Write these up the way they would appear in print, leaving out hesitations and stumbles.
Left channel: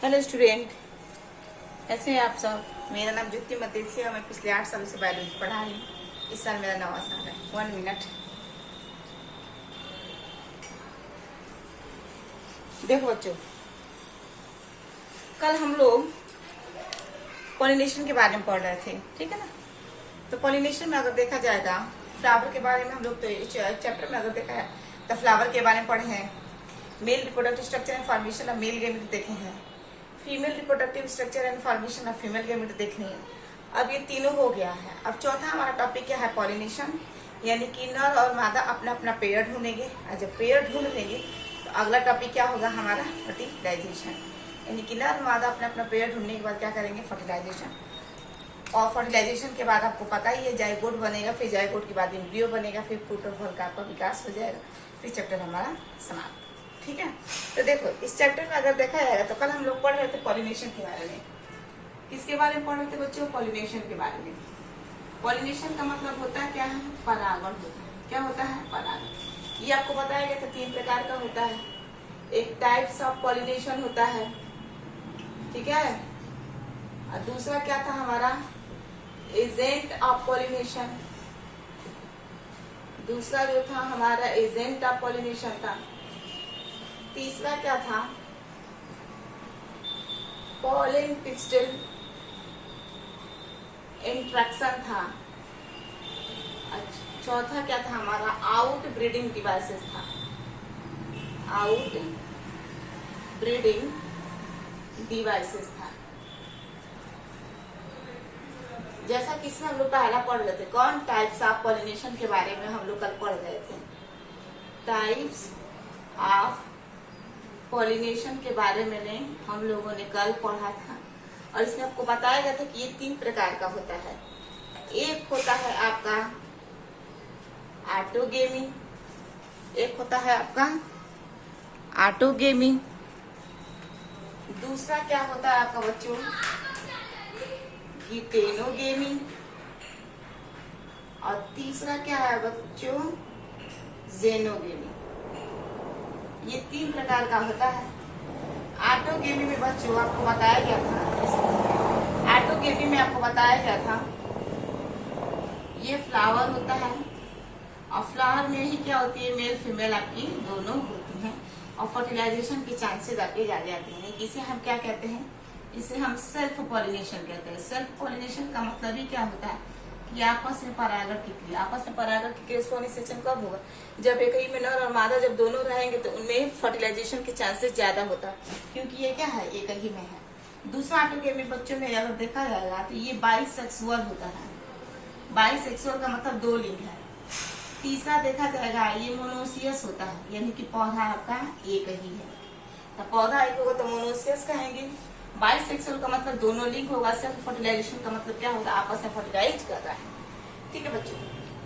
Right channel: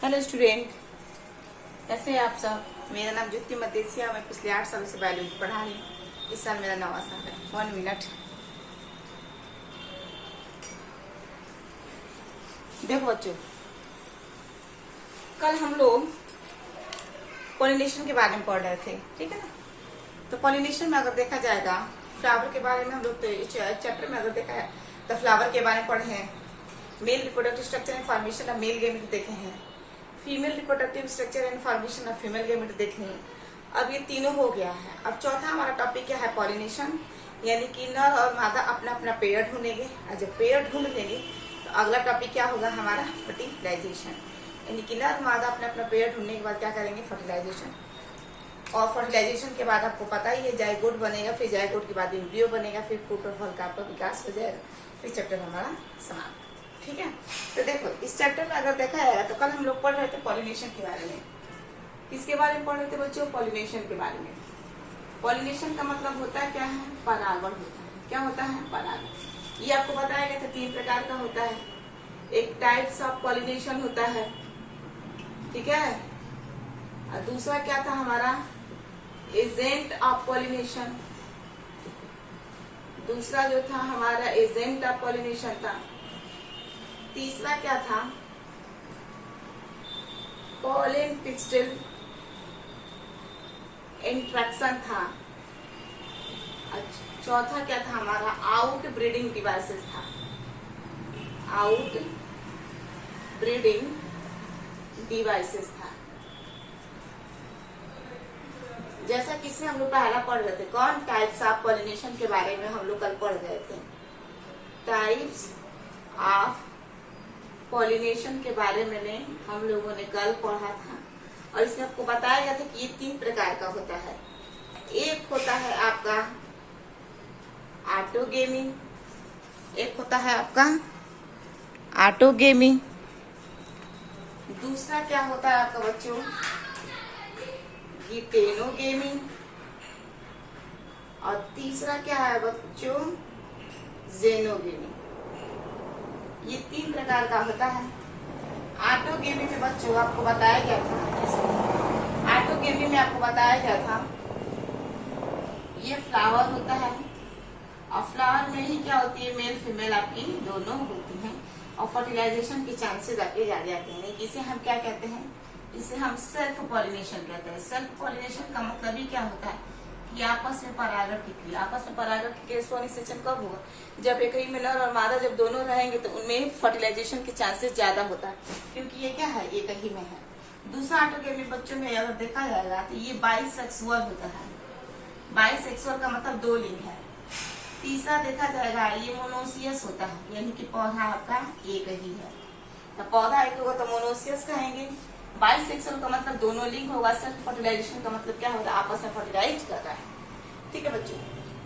Hello student, कैसे हैं आप सब। मेरा नाम ज्योति मदेसिया। मैं पिछले 8 सालों से बायोलॉजी पढ़ा रही हूँ। इस साल मेरा 9वां साल है। 1 मिनट। देखो बच्चों, कल हम लोग पॉलिनेशन के बारे में पढ़ रहे थे, ठीक है ना। तो पॉलिनेशन में अगर देखा जाएगा, फ्लावर के बारे में हम लोग तो चैप्टर में अगर देखा है तो फ्लावर के बारे में पढ़े हैं। Male reproductive structure and formation of male gamete देखे हैं। Female reproductive structure and formation of female gamete देखनी है। अब ये तीनों हो गया है। अब चौथा हमारा टॉपिक क्या है, पॉलिनेशन, यानी कि नर और मादा अपना अपना पेयर ढूंढेंगे, और जब पेयर ढूंढ लेंगे तो अगला टॉपिक क्या होगा हमारा, फर्टिलाइजेशन, यानी कि नर मादा अपना अपना पेयर ढूंढने के बाद क्या करेंगे, फर्टिलाइजेशन। और फर्टिलाइजेशन के बाद आपको पता ही है, जाइगोट बनेगा, फिर जाइगोट के बाद एम्ब्रियो बनेगा, फिर फ्रूट और फल का आपका विकास हो जाएगा, फिर चैप्टर हमारा समाप्त। ठीक है। तो देखो, इस चैप्टर में अगर देखा जाएगा तो कल हम लोग पढ़ रहे थे पॉलिनेशन के बारे में। किसके बारे में पढ़ रहे थे बच्चों, पॉलिनेशन के बारे में। पॉलिनेशन का मतलब होता है क्या है, परागण होता है। क्या होता है, परागण। ये आपको बताया गया था 3 प्रकार का होता है। एक टाइप्स ऑफ पॉलिनेशन होता है, ठीक है। और दूसरा क्या था हमारा, एजेंट ऑफ पॉलिनेशन। दूसरा जो था हमारा एजेंट ऑफ पॉलिनेशन था। तीसरा क्या था, पॉलन पिस्टल इंट्रैक्शन था। चौथा क्या था हमारा, आउट ब्रीडिंग डिवाइसेस था। आउट ब्रीडिंग डिवाइसेस था। जैसा कि इसमें हम लोग पहला पढ़ रहे थे, कौन, टाइप्स ऑफ पॉलिनेशन के बारे में हम लोग कल पढ़ रहे थे। टाइप्स ऑफ पॉलिनेशन के बारे में हम लोगों ने कल पढ़ा था, और इसमें आपको बताया गया था कि ये 3 प्रकार का होता है। एक होता है आपका ऑटोगेमी, एक होता है आपका ऑटोगेमी। दूसरा क्या होता है आपका बच्चों, गिटेनोगेमी। और तीसरा क्या है बच्चों, जेनोगेमी। ये 3 प्रकार का होता है। ऑटोगेमी में बच्चों आपको बताया गया था, ऑटोगेमी में आपको बताया गया था, ये फ्लावर होता है, और फ्लावर में ही क्या होती है, मेल फीमेल आपकी दोनों होती हैं, और फर्टिलाइजेशन के चांसेस आपके ज्यादा जाते हैं। इसे हम क्या कहते हैं, इसे हम सेल्फ पॉलिनेशन कहते हैं। सेल्फ पॉलिनेशन का मतलब ही क्या होता है कि आपस में परागण की क्रिया। आपस में परागण की क्रिया पॉलिनेशन कब होगा, जब एक ही में नर और मादा जब दोनों रहेंगे तो उनमें फर्टिलाइजेशन के चांसेस ज्यादा होता है, क्योंकि ये क्या है, एक ही में है। दूसरा ऑटोगेमी बच्चों में अगर देखा जाएगा तो ये बाइसेक्सुअल होता है। बाइसेक्सुअल का मतलब 2 लिंग है। तीसरा देखा जाएगा ये मोनोसियस होता है, यानी कि पौधा आपका एक ही है। तो पौधा एक होगा तो मोनोसियस कहेंगे। बाइसेक्सुअल का मतलब दोनों लिंग होगा। सेल्फ फर्टिलाइजेशन का मतलब क्या होगा, आपस में फर्टिलाइज कर रहा है। ठीक है बच्चों।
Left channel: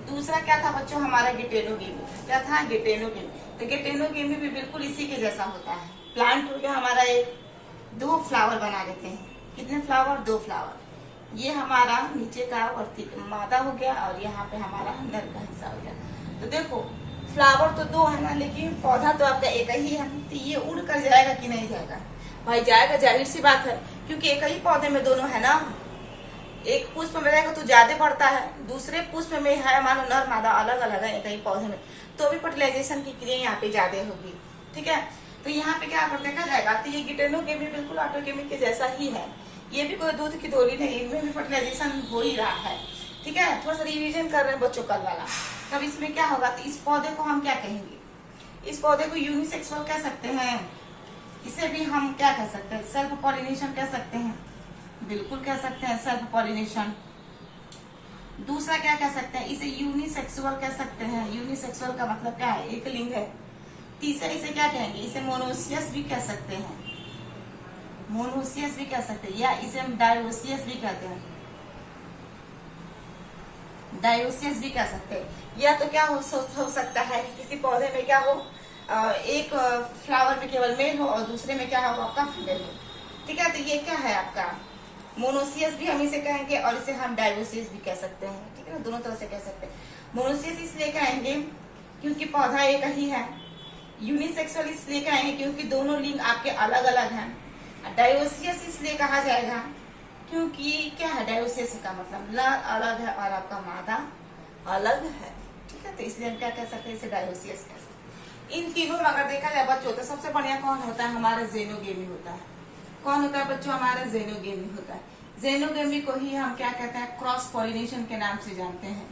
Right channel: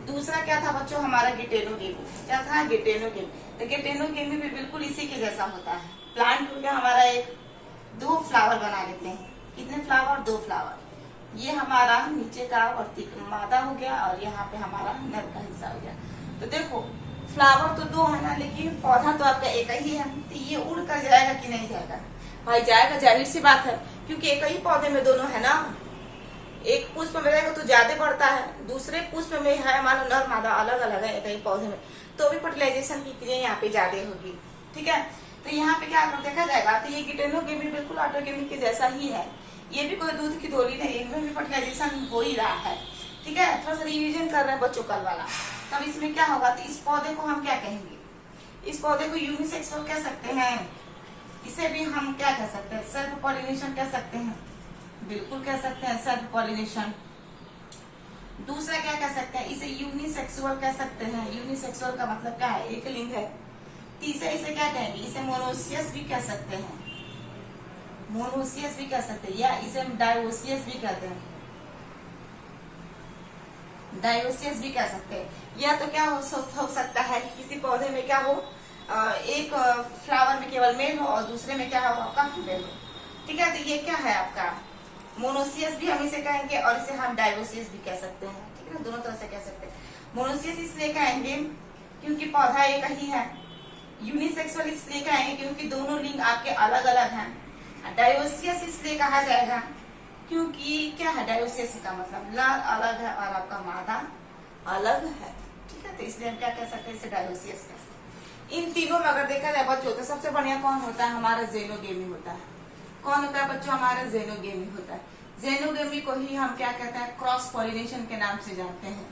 दूसरा क्या था बच्चों हमारा, गिटेनोगेमी। क्या था, गिटेनोगेमी। तो गिटेनोगेमी भी बिल्कुल इसी के जैसा होता है। प्लांट हो गया हमारा एक, 2 फ्लावर बना लेते हैं। कितने फ्लावर, 2 फ्लावर। ये हमारा नीचे का वर्ती मादा हो गया, और यहाँ पे हमारा नर का हिस्सा हो गया। तो देखो, फ्लावर तो 2 है ना, लेकिन पौधा तो आपका एक ही है। तो ये उड़ कर जाएगा कि नहीं जाएगा, भाई जाएगा, जाहिर सी बात है, क्योंकि एक ही पौधे में दोनों है ना। एक पुष्प में रहेगा तो ज्यादा बढ़ता है, दूसरे पुष्प में है मानो नर मादा अलग अलग है एक ही पौधे में, तो भी फर्टिलाइजेशन की क्रिया यहाँ पे ज्यादा होगी। ठीक है। तो यहाँ पे क्या अगर देखा जाएगा तो ये गिटेनोगेमी बिल्कुल ऑटोगेमी के जैसा ही है। ये भी कोई दूध की डोली नहीं, इनमें भी फर्टिलाइजेशन हो ही रहा है। ठीक है। थोड़ा सा रिविजन कर रहे हैं बच्चों कल वाला। तब इसमें क्या होगा, तो इस पौधे को हम क्या कहेंगे, इस पौधे को यूनिसेक्सुअल कह सकते हैं। इसे भी हम क्या कह सकते हैं, सेल्फ पॉलिनेशन कह सकते हैं। बिल्कुल कह सकते हैं सेल्फ पॉलिनेशन। दूसरा क्या कह सकते हैं, इसे यूनिसेक्सुअल कह सकते हैं। यूनिसेक्सुअल का मतलब क्या है, एक लिंग है। तीसरा इसे क्या कहेंगे, इसे मोनोसियस भी कह सकते हैं। मोनोसियस भी कह सकते हैं, या इसे हम डायोसियस भी कहते हैं। डायोसियस भी कह सकते हैं। या तो क्या हो सकता है, किसी पौधे में क्या हो, एक फ्लावर में केवल मेल हो और दूसरे में क्या हो आपका फीमेल हो। ठीक है। तो ये क्या है आपका मोनोसियस भी हम इसे कहेंगे, और इसे हम डायोसियस भी कह सकते हैं। ठीक है, दोनों तरह से कह सकते हैं। मोनोसियस इसलिए कहेंगे क्योंकि पौधा एक ही है। यूनिसेक्सुअल इसलिए कहेंगे क्योंकि दोनों लिंग आपके अलग अलग हैं। डायोसियस इसलिए कहा जाएगा क्योंकि क्या है, डायोसियस का मतलब नर अलग है और आपका मादा अलग है। ठीक है, तो इसलिए हम क्या कह सकते हैं, इसे डायोसियस कह सकते हैं। इन तीनों में अगर देखा जाए बच्चों तो सबसे बढ़िया कौन होता है, हमारा जेनोगेमी होता है। कौन होता है बच्चों, हमारा जेनोगेमी होता है। जेनोगेमी को ही हम क्या कहते हैं, क्रॉस पॉलिनेशन के नाम से जानते हैं।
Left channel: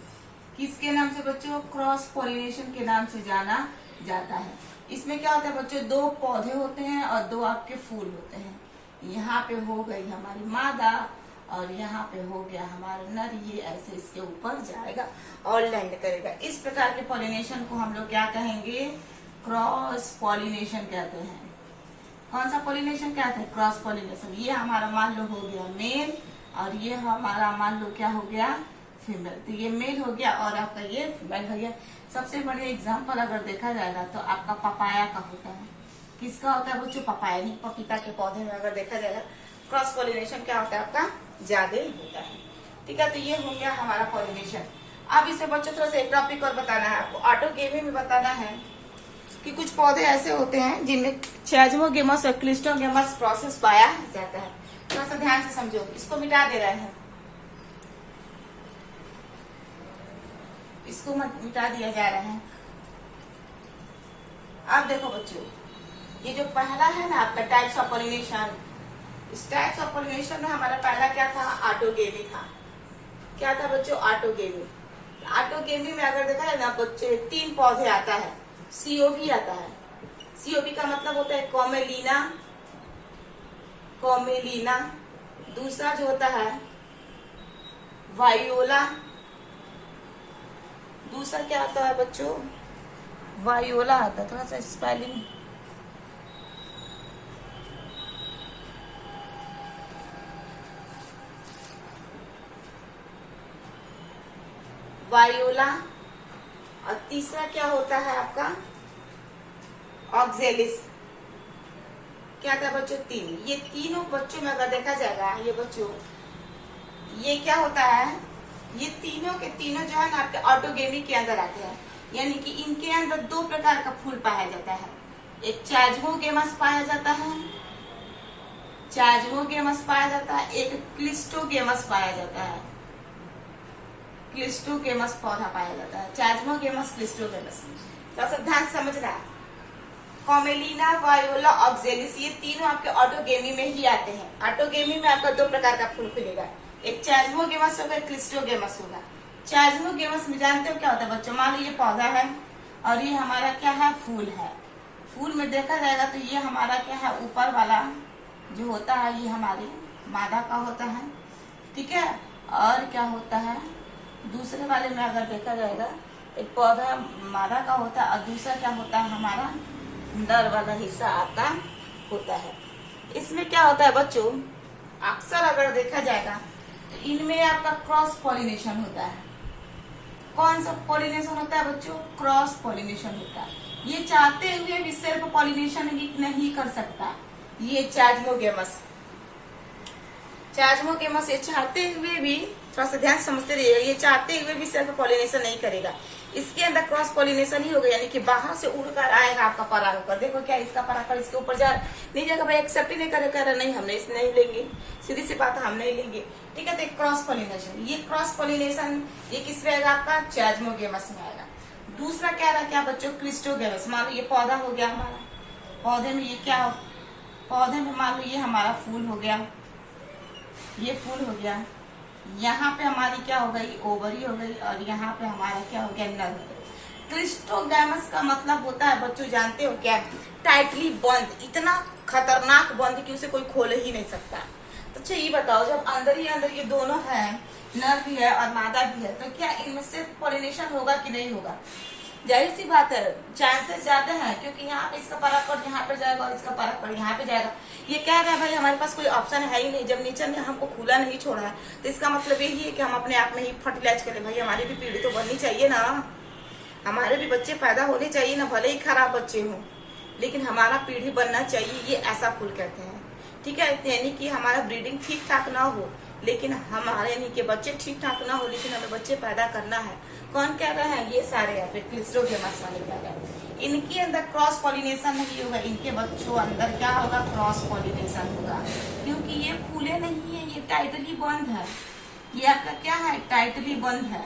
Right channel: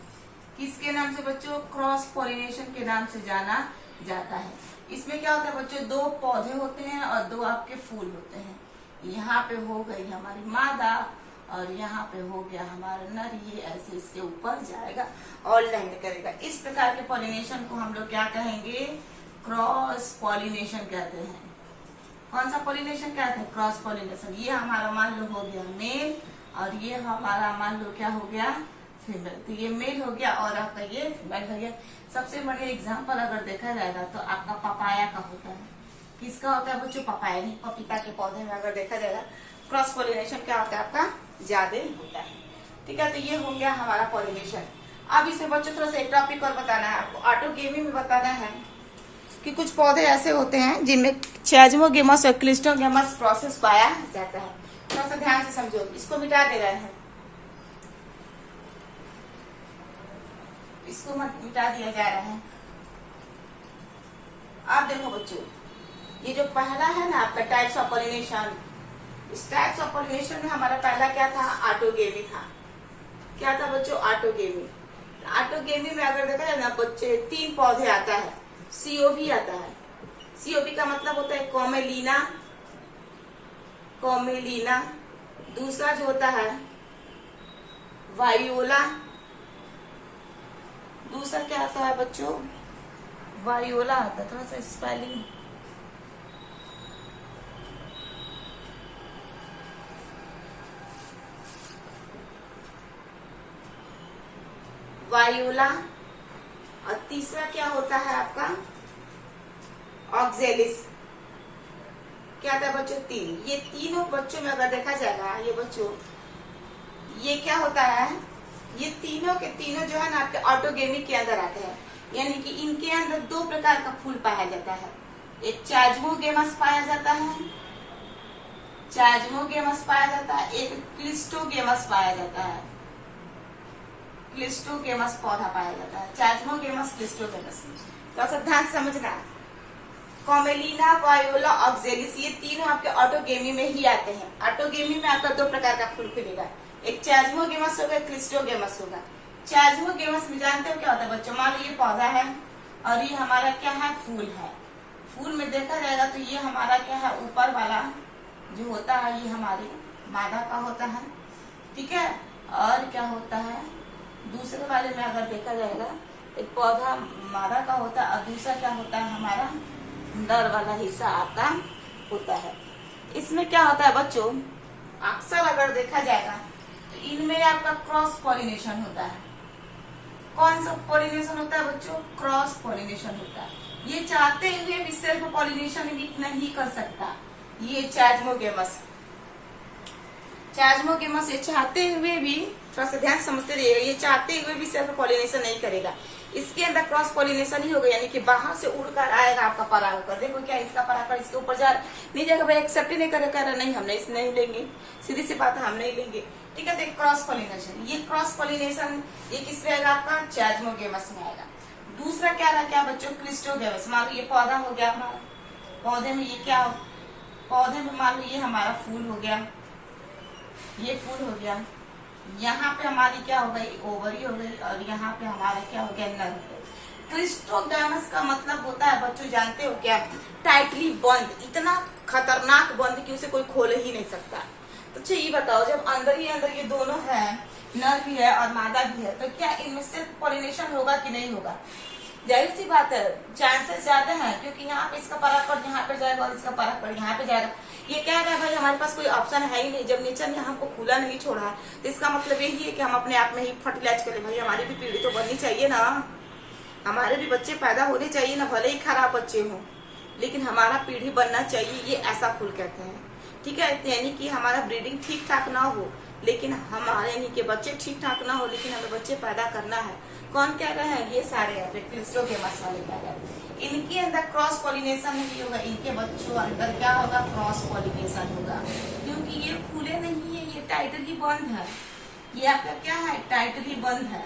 किसके नाम से बच्चों, क्रॉस पॉलिनेशन के नाम से जाना जाता है। इसमें क्या होता है बच्चों, 2 पौधे होते हैं और 2 आपके फूल होते हैं। यहाँ पे हो गई हमारी मादा और यहाँ पे हो गया हमारा नर। ये ऐसे इसके ऊपर जाएगा और लैंड करेगा। इस प्रकार के पॉलिनेशन को हम लोग क्या कहेंगे, क्रॉस पॉलिनेशन कहते हैं। कौन सा पॉलिनेशन कहते हैं, क्रॉस पॉलिनेशन। ये हमारा मान लो हो गया मेल और ये हमारा मान लो क्या हो गया, फीमेल। तो ये मेल हो गया और आपका ये फीमेल हो गया। सबसे बड़े एग्जाम्पल अगर देखा जाएगा तो आपका पपाया का होता है। किसका होता है बच्चों, पपाया, नहीं पपीता के पौधे में अगर देखा जाएगा क्रॉस पॉलिनेशन क्या होता है, आपका ज्यादा होता है। ठीक है, तो ये हो गया हमारा पॉलिनेशन। अब इसे बच्चों थोड़ा सा एक टॉपिक और बताना है आपको, ऑटोगेमी में बताना है कि कुछ पौधे ऐसे होते हैं जिनमें चैजमोगेमस और क्लिस्टोगेमस प्रोसेस पाया जाता है। थोड़ा सा ध्यान से समझो, इसको मिटा दे रहे हैं, इसको मिटा दिया जा रहा है। अब देखो बच्चों, ये जो पहला है ना आपका टाइप्स ऑफ पॉलिनेशन, इस टाइप्स ऑफ पॉलिनेशन में हमारा पहला क्या था, ऑटोगेमी था। क्या था बच्चों, ऑटोगेमी। ऑटोगेमी में अगर देखा जाए ना बच्चे 3 पौधे आता है। सीओपी आता है। सीओपी का मतलब होता है कॉमेलिना, कॉमेलिना। दूसरा जो होता है वायोला। दूसरा क्या आता है बच्चों, वायोला आता है। थोड़ा सा स्पेलिंग, वायोला। और तीसरा क्या होता है आपका, ऑक्जेलिस। क्या था बच्चों, 3। ये तीनों बच्चों में अगर देखा जाएगा, ये बच्चों ये क्या होता है, ये तीनों के तीनों जो है ना आपके ऑटोगेमी के अंदर आते हैं। यानी कि इनके अंदर 2 प्रकार का फूल पाया जाता है। एक चैजमोगेमस पाया जाता है, चैजमोगेमस पाया जाता है। एक क्लिस्टोगेमस पाया जाता है, क्लिस्टोगेमस पौधा पाया जाता है। चैजमोगेमस, क्लिस्टोगेमस। तो ध्यान से समझना है, कॉमेलिना, वायोला, ऑक्जेलिस, ये तीनों आपके ऑटोगेमी में ही आते हैं। ऑटोगेमी में आपका 2 प्रकार का फूल खुलेगा, एक चैजमोगेमस होगा, क्लिस्टोगेमस होगा। चैजमोगेमस में जानते हो क्या होता है बच्चों, मान लो ये पौधा है और ये हमारा क्या है, फूल है। फूल में देखा जाएगा तो ये हमारा क्या है, ऊपर वाला जो होता है ये हमारी मादा का होता है। ठीक है, और क्या होता है, दूसरे वाले में अगर देखा जाएगा एक पौधा मादा का होता है और दूसरा क्या होता है, हमारा नर वाला हिस्सा आपका होता है। इसमें क्या होता है बच्चों, अक्सर अगर देखा जाएगा तो इनमें आपका क्रॉस पॉलिनेशन होता है। कौन सा पॉलिनेशन होता है बच्चों, क्रॉस पॉलिनेशन होता है। ये चाहते हुए भी सिर्फ पॉलिनेशन भी नहीं कर सकता। ये चैजमोगेमस, चैजमोगेमस ये चाहते हुए भी, थोड़ा सा ध्यान समझते रहिएगा, ये चाहते हुए भी सिर्फ पॉलिनेशन नहीं करेगा। इसके अंदर क्रॉस पॉलिनेशन ही होगा, यानी कि बाहर से उड़कर आएगा आपका परागकर। देखो क्या इसका परागकर इसके ऊपर जा नहीं जाएगा, भाई एक्सेप्ट ही नहीं करेगा, नहीं हमने इस नहीं लेंगे, सीधी सी बात है हम नहीं लेंगे। ठीक है, तो क्रॉस पॉलिनेशन, ये क्रॉस पॉलिनेशन ये किस में आएगा, आपका चैजमोगेमस में आएगा। दूसरा क्या रहा, क्या बच्चों, क्लिस्टोगेमस। मान लो ये पौधा हो गया हमारा, पौधे में ये क्या, पौधे में मान लो ये हमारा फूल हो गया, ये फूल हो गया। यहाँ पे हमारी क्या हो गई, ओवरी हो गई, और यहाँ पे हमारा क्या हो गया, नर हो गया। क्लिस्टोगेमस का मतलब होता है बच्चों जानते हो क्या, टाइटली बंद, इतना खतरनाक बंद कि उसे कोई खोल ही नहीं सकता। तो अच्छा ये बताओ, जब अंदर ही अंदर ये दोनों है, नर भी है और मादा भी है, तो क्या इनमें से पॉलिनेशन होगा कि नहीं होगा? जाहिर सी बात है, चांसेस ज्यादा है, क्योंकि यहाँ पे इसका परागकण यहाँ पे जाएगा और इसका परागकण यहाँ पे जाएगा। ये कह रहा है भाई हमारे पास कोई ऑप्शन है ही नहीं, जब नेचर ने हमको खुला नहीं छोड़ा है, तो इसका मतलब यही है कि हम अपने आप में ही फर्टिलाइज करें। भाई हमारी भी पीढ़ी तो बननी चाहिए ना, हमारे भी बच्चे पैदा होने चाहिए ना, भले ही खराब बच्चे हों, लेकिन हमारा पीढ़ी बनना चाहिए, ये ऐसा फूल कहते हैं। ठीक है, यानी कि हमारा ब्रीडिंग ठीक ठाक ना हो, लेकिन हमारे यानी कि बच्चे ठीक ठाक ना हो, लेकिन हमें बच्चे पैदा करना है। कौन कह रहे हैं, ये सारे यहाँ पे क्लिस्टोगेमस वाले कह रहे हैं। इनके अंदर क्रॉस पॉलिनेशन नहीं होगा, इनके बच्चों अंदर क्या होगा, क्रॉस पॉलिनेशन होगा, क्योंकि ये खुले नहीं है, ये टाइटली बंद है। ये आपका क्या है, टाइटली बंद है,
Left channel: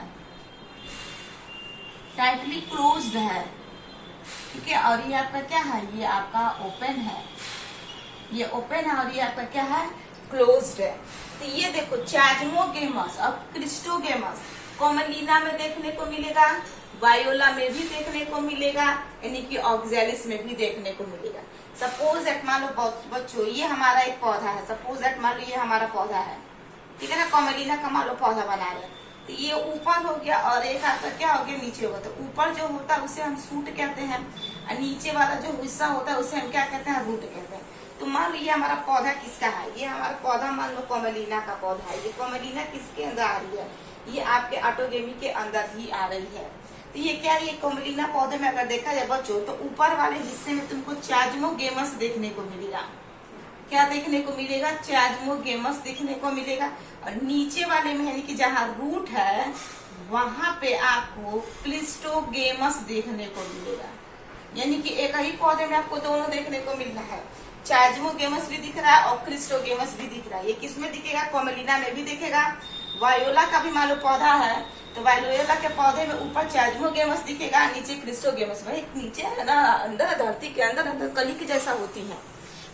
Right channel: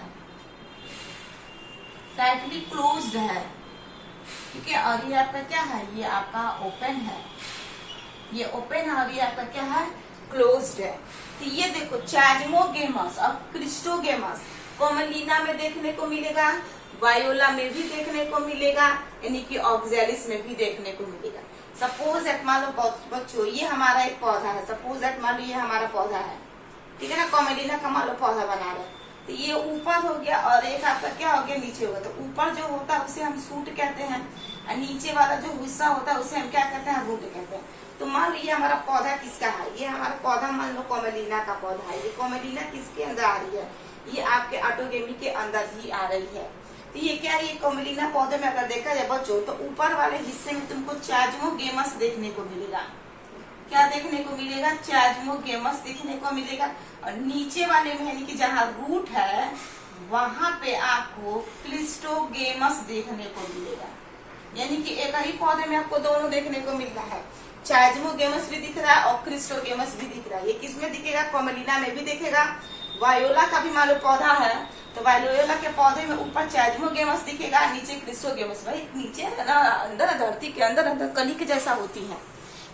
टाइटली क्लोज्ड है, ठीक है। और ये आपका क्या है, ये आपका ओपन है, ये ओपन है, और ये आपका क्या है, क्लोज्ड है। तो ये देखो चाजमोगेमस और क्रिस्टोगेमस कॉमलिना में देखने को मिलेगा, वायोला में भी देखने को मिलेगा, यानी कि ऑक्जेलिस में भी देखने को मिलेगा। सपोज एट मान लो बच्चों ये हमारा एक पौधा है, सपोज एट मान लो ये हमारा पौधा है, ठीक है ना, कॉमेडिना का मान लो पौधा बना रहे हैं, तो ये ऊपर हो गया और एक आपका क्या हो गया, नीचे होगा। तो ऊपर जो होता है उसे हम सूट कहते हैं, और नीचे वाला जो हिस्सा होता है उसे हम क्या कहते हैं, रूट कहते हैं। तो मान लो ये हमारा पौधा किसका है, ये हमारा पौधा मान लो कॉमेलिना का पौधा है। ये कॉमेलिना किसके अंदर आ रही है, ये आपके ऑटोगेमी के अंदर ही आ रही है। तो ये क्या है, कॉमेलिना पौधे में अगर देखा जाए बच्चों, तो ऊपर वाले हिस्से में तुमको चाजमोगेमस देखने को मिलेगा। क्या देखने को मिलेगा, चाजमोगेमस देखने को मिलेगा। और नीचे वाले में यानी कि जहाँ रूट है वहां पे आपको क्लिस्टोगेमस देखने को मिलेगा। यानी कि एक ही पौधे में आपको दोनों देखने को मिल रहा है, चाजमोगेमस भी दिख रहा है और क्रिस्टोगेमस भी दिख रहा है। ये किसमें दिखेगा, कॉमेलिना में भी दिखेगा। वायोला का भी मान लो पौधा है, तो वायोला के पौधे में ऊपर चाजमोगेमस दिखेगा, नीचे क्रिस्टोगेमस। भाई नीचे है ना, अंदर धरती के अंदर अंदर कली के जैसा होती है,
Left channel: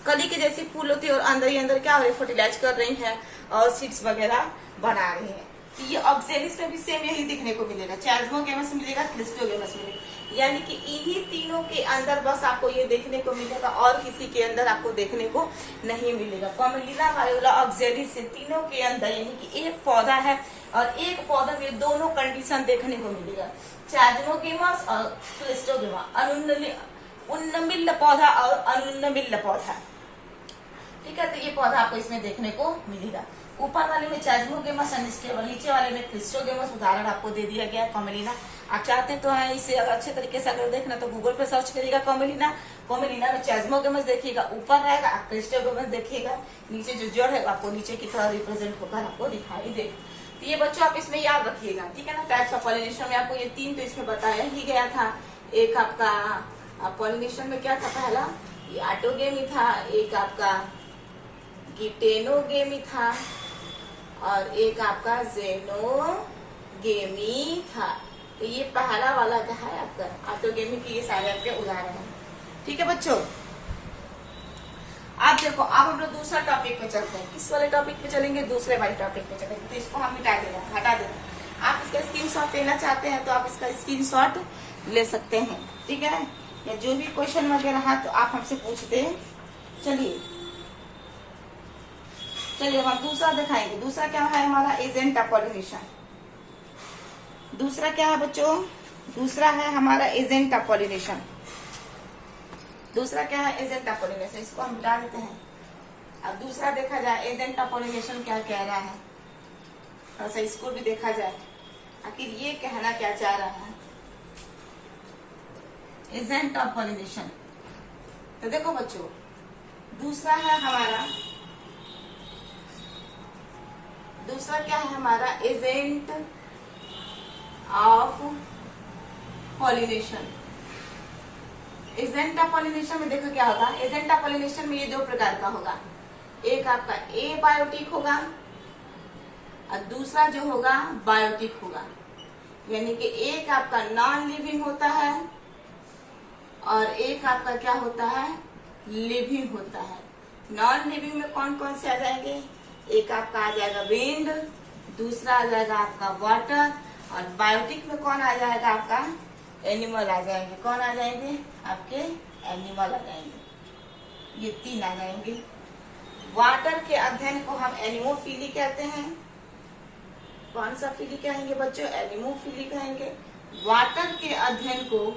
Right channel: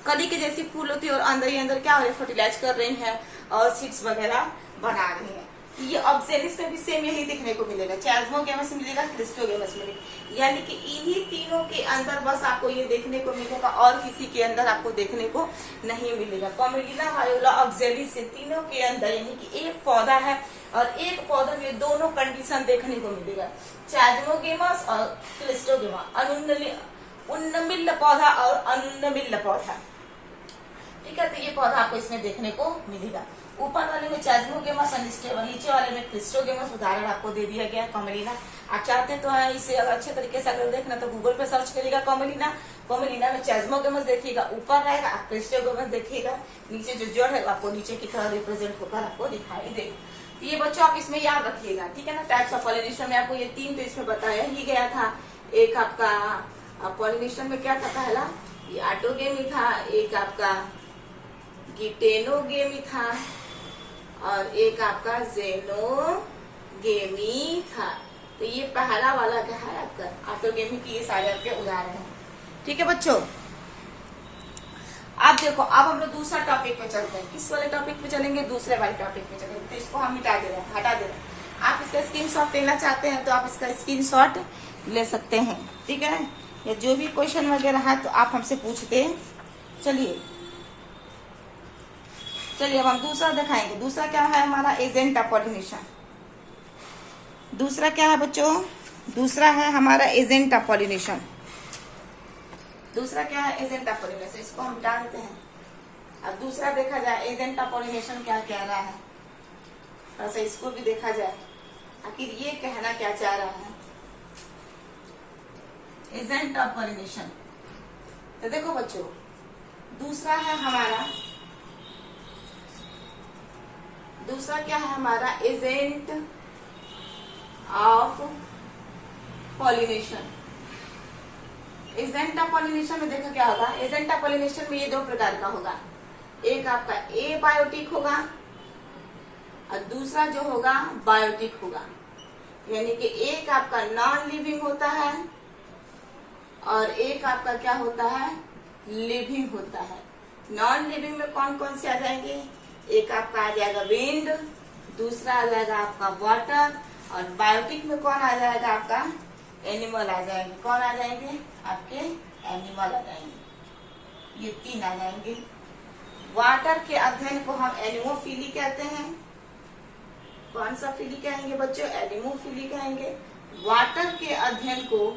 कली के जैसी फूल होती है, और अंदर ही अंदर क्या हो रही है, फर्टिलाइज कर रही है और सीड्स वगैरह बना रही है। तो ये ऑक्जेलिस में भी सेम यही देखने को मिलेगा, चाजमोगेमस मिलेगा, क्रिस्टोगेमस मिलेगा। यानी कि इन्हीं तीनों के अंदर बस आपको ये देखने को मिलेगा, और किसी के अंदर आपको देखने को नहीं मिलेगा। कॉमेलिना, वायोला, ऑक्जेलिस से तीनों के अंदर यानी कि एक पौधा है और एक पौधा में दोनों कंडीशन देखने को मिलेगा, चाजमोगेमस और क्लिस्टोगेमस, उन्नमिल्ल पौधा और अनुन्नमिल्ल पौधा, ठीक है। तो ये पौधा आपको इसमें देखने को मिलेगा। ऊपर वाले में चाजमोगेमस अनस्टेबल, नीचे वाले में क्रिस्टोगेमस। उदाहरण आपको दे दिया गया है कॉमेलिना। आप चाहते तो है इसे अगर अच्छे तरीके से अगर देखना तो गूगल पे सर्च करिएगा कॉमेलिना, कॉमेलिना में चाजमोगेमस देखिएगा, ऊपर रहेगा क्रिस्टोगेमस देखिएगा, नीचे जो जड़ है आपको नीचे की तरह रिप्रेजेंट होकर आपको दिखाई देगा। तो ये बच्चों आप इसमें याद रखिएगा, ठीक है ना। टाइप्स ऑफ पॉलिनेशन में आपको ये तीन तो इसमें बताया ही गया था। एक आपका पॉलिनेशन में क्या था, पहला ये ऑटोगेमी था, एक आपका गिटेनोगेमी था, और एक आपका जेनोगेमी था। तो ये पहला वाला क्या है आपका ऑटोगेमी की, ये सारे आपके उदाहरण हैं, ठीक है बच्चों। आप देखो अब हम लोग दूसरा टॉपिक पे चलते हैं। किस वाले टॉपिक पे चलेंगे, दूसरे वाले टॉपिक पे चलेंगे। तो इसको हम हटा दे रहे हैं। आप इसका स्क्रीनशॉट लेना चाहते हैं तो आप इसका स्क्रीनशॉट ले सकते हैं, ठीक है ना। या जो भी क्वेश्चन वगैरह है तो आप हमसे पूछते चलिए। चलिए अब हम दूसरा दिखाएंगे। दूसरा क्या है हमारा, एजेंट ऑफ पॉलिनेशन। दूसरा क्या है बच्चों, दूसरा है हमारा एजेंट ऑफ पॉलिनेशन। दूसरा क्या है, एजेंट ऑफ पॉलिनेशन। इसको हम हटा देते हैं। अब दूसरा देखा जाए एजेंट ऑफ पॉलिनेशन क्या कह रहा है, और ऐसा इसको भी देखा जाए आखिर ये कहना क्या चाह रहा है, एजेंट ऑफ पॉलिनेशन। तो देखो बच्चों दूसरा है हमारा, दूसरा क्या है हमारा, agent of pollination. Agent of pollination में देखो क्या होगा, एजेंट ऑफ पॉलिनेशन में ये दो प्रकार का होगा। एक आपका ए बायोटिक होगा और दूसरा जो होगा बायोटिक होगा। यानी कि एक आपका नॉन लिविंग होता है और एक आपका क्या होता है, लिविंग होता है। नॉन लिविंग में कौन कौन से आ जाएंगे, एक आपका आ जाएगा विंड, दूसरा आ जाएगा आपका वाटर, और बायोटिक में कौन आ जाएगा आपका, एनिमल आ जाएंगे। कौन आ जाएंगे, आपके एनिमल आ जाएंगे। ये तीन आ जाएंगे। वाटर के अध्ययन को हम एनिमोफिली कहते हैं। कौन सा फिली कहेंगे बच्चों, एनिमोफिली कहेंगे। वाटर के अध्ययन को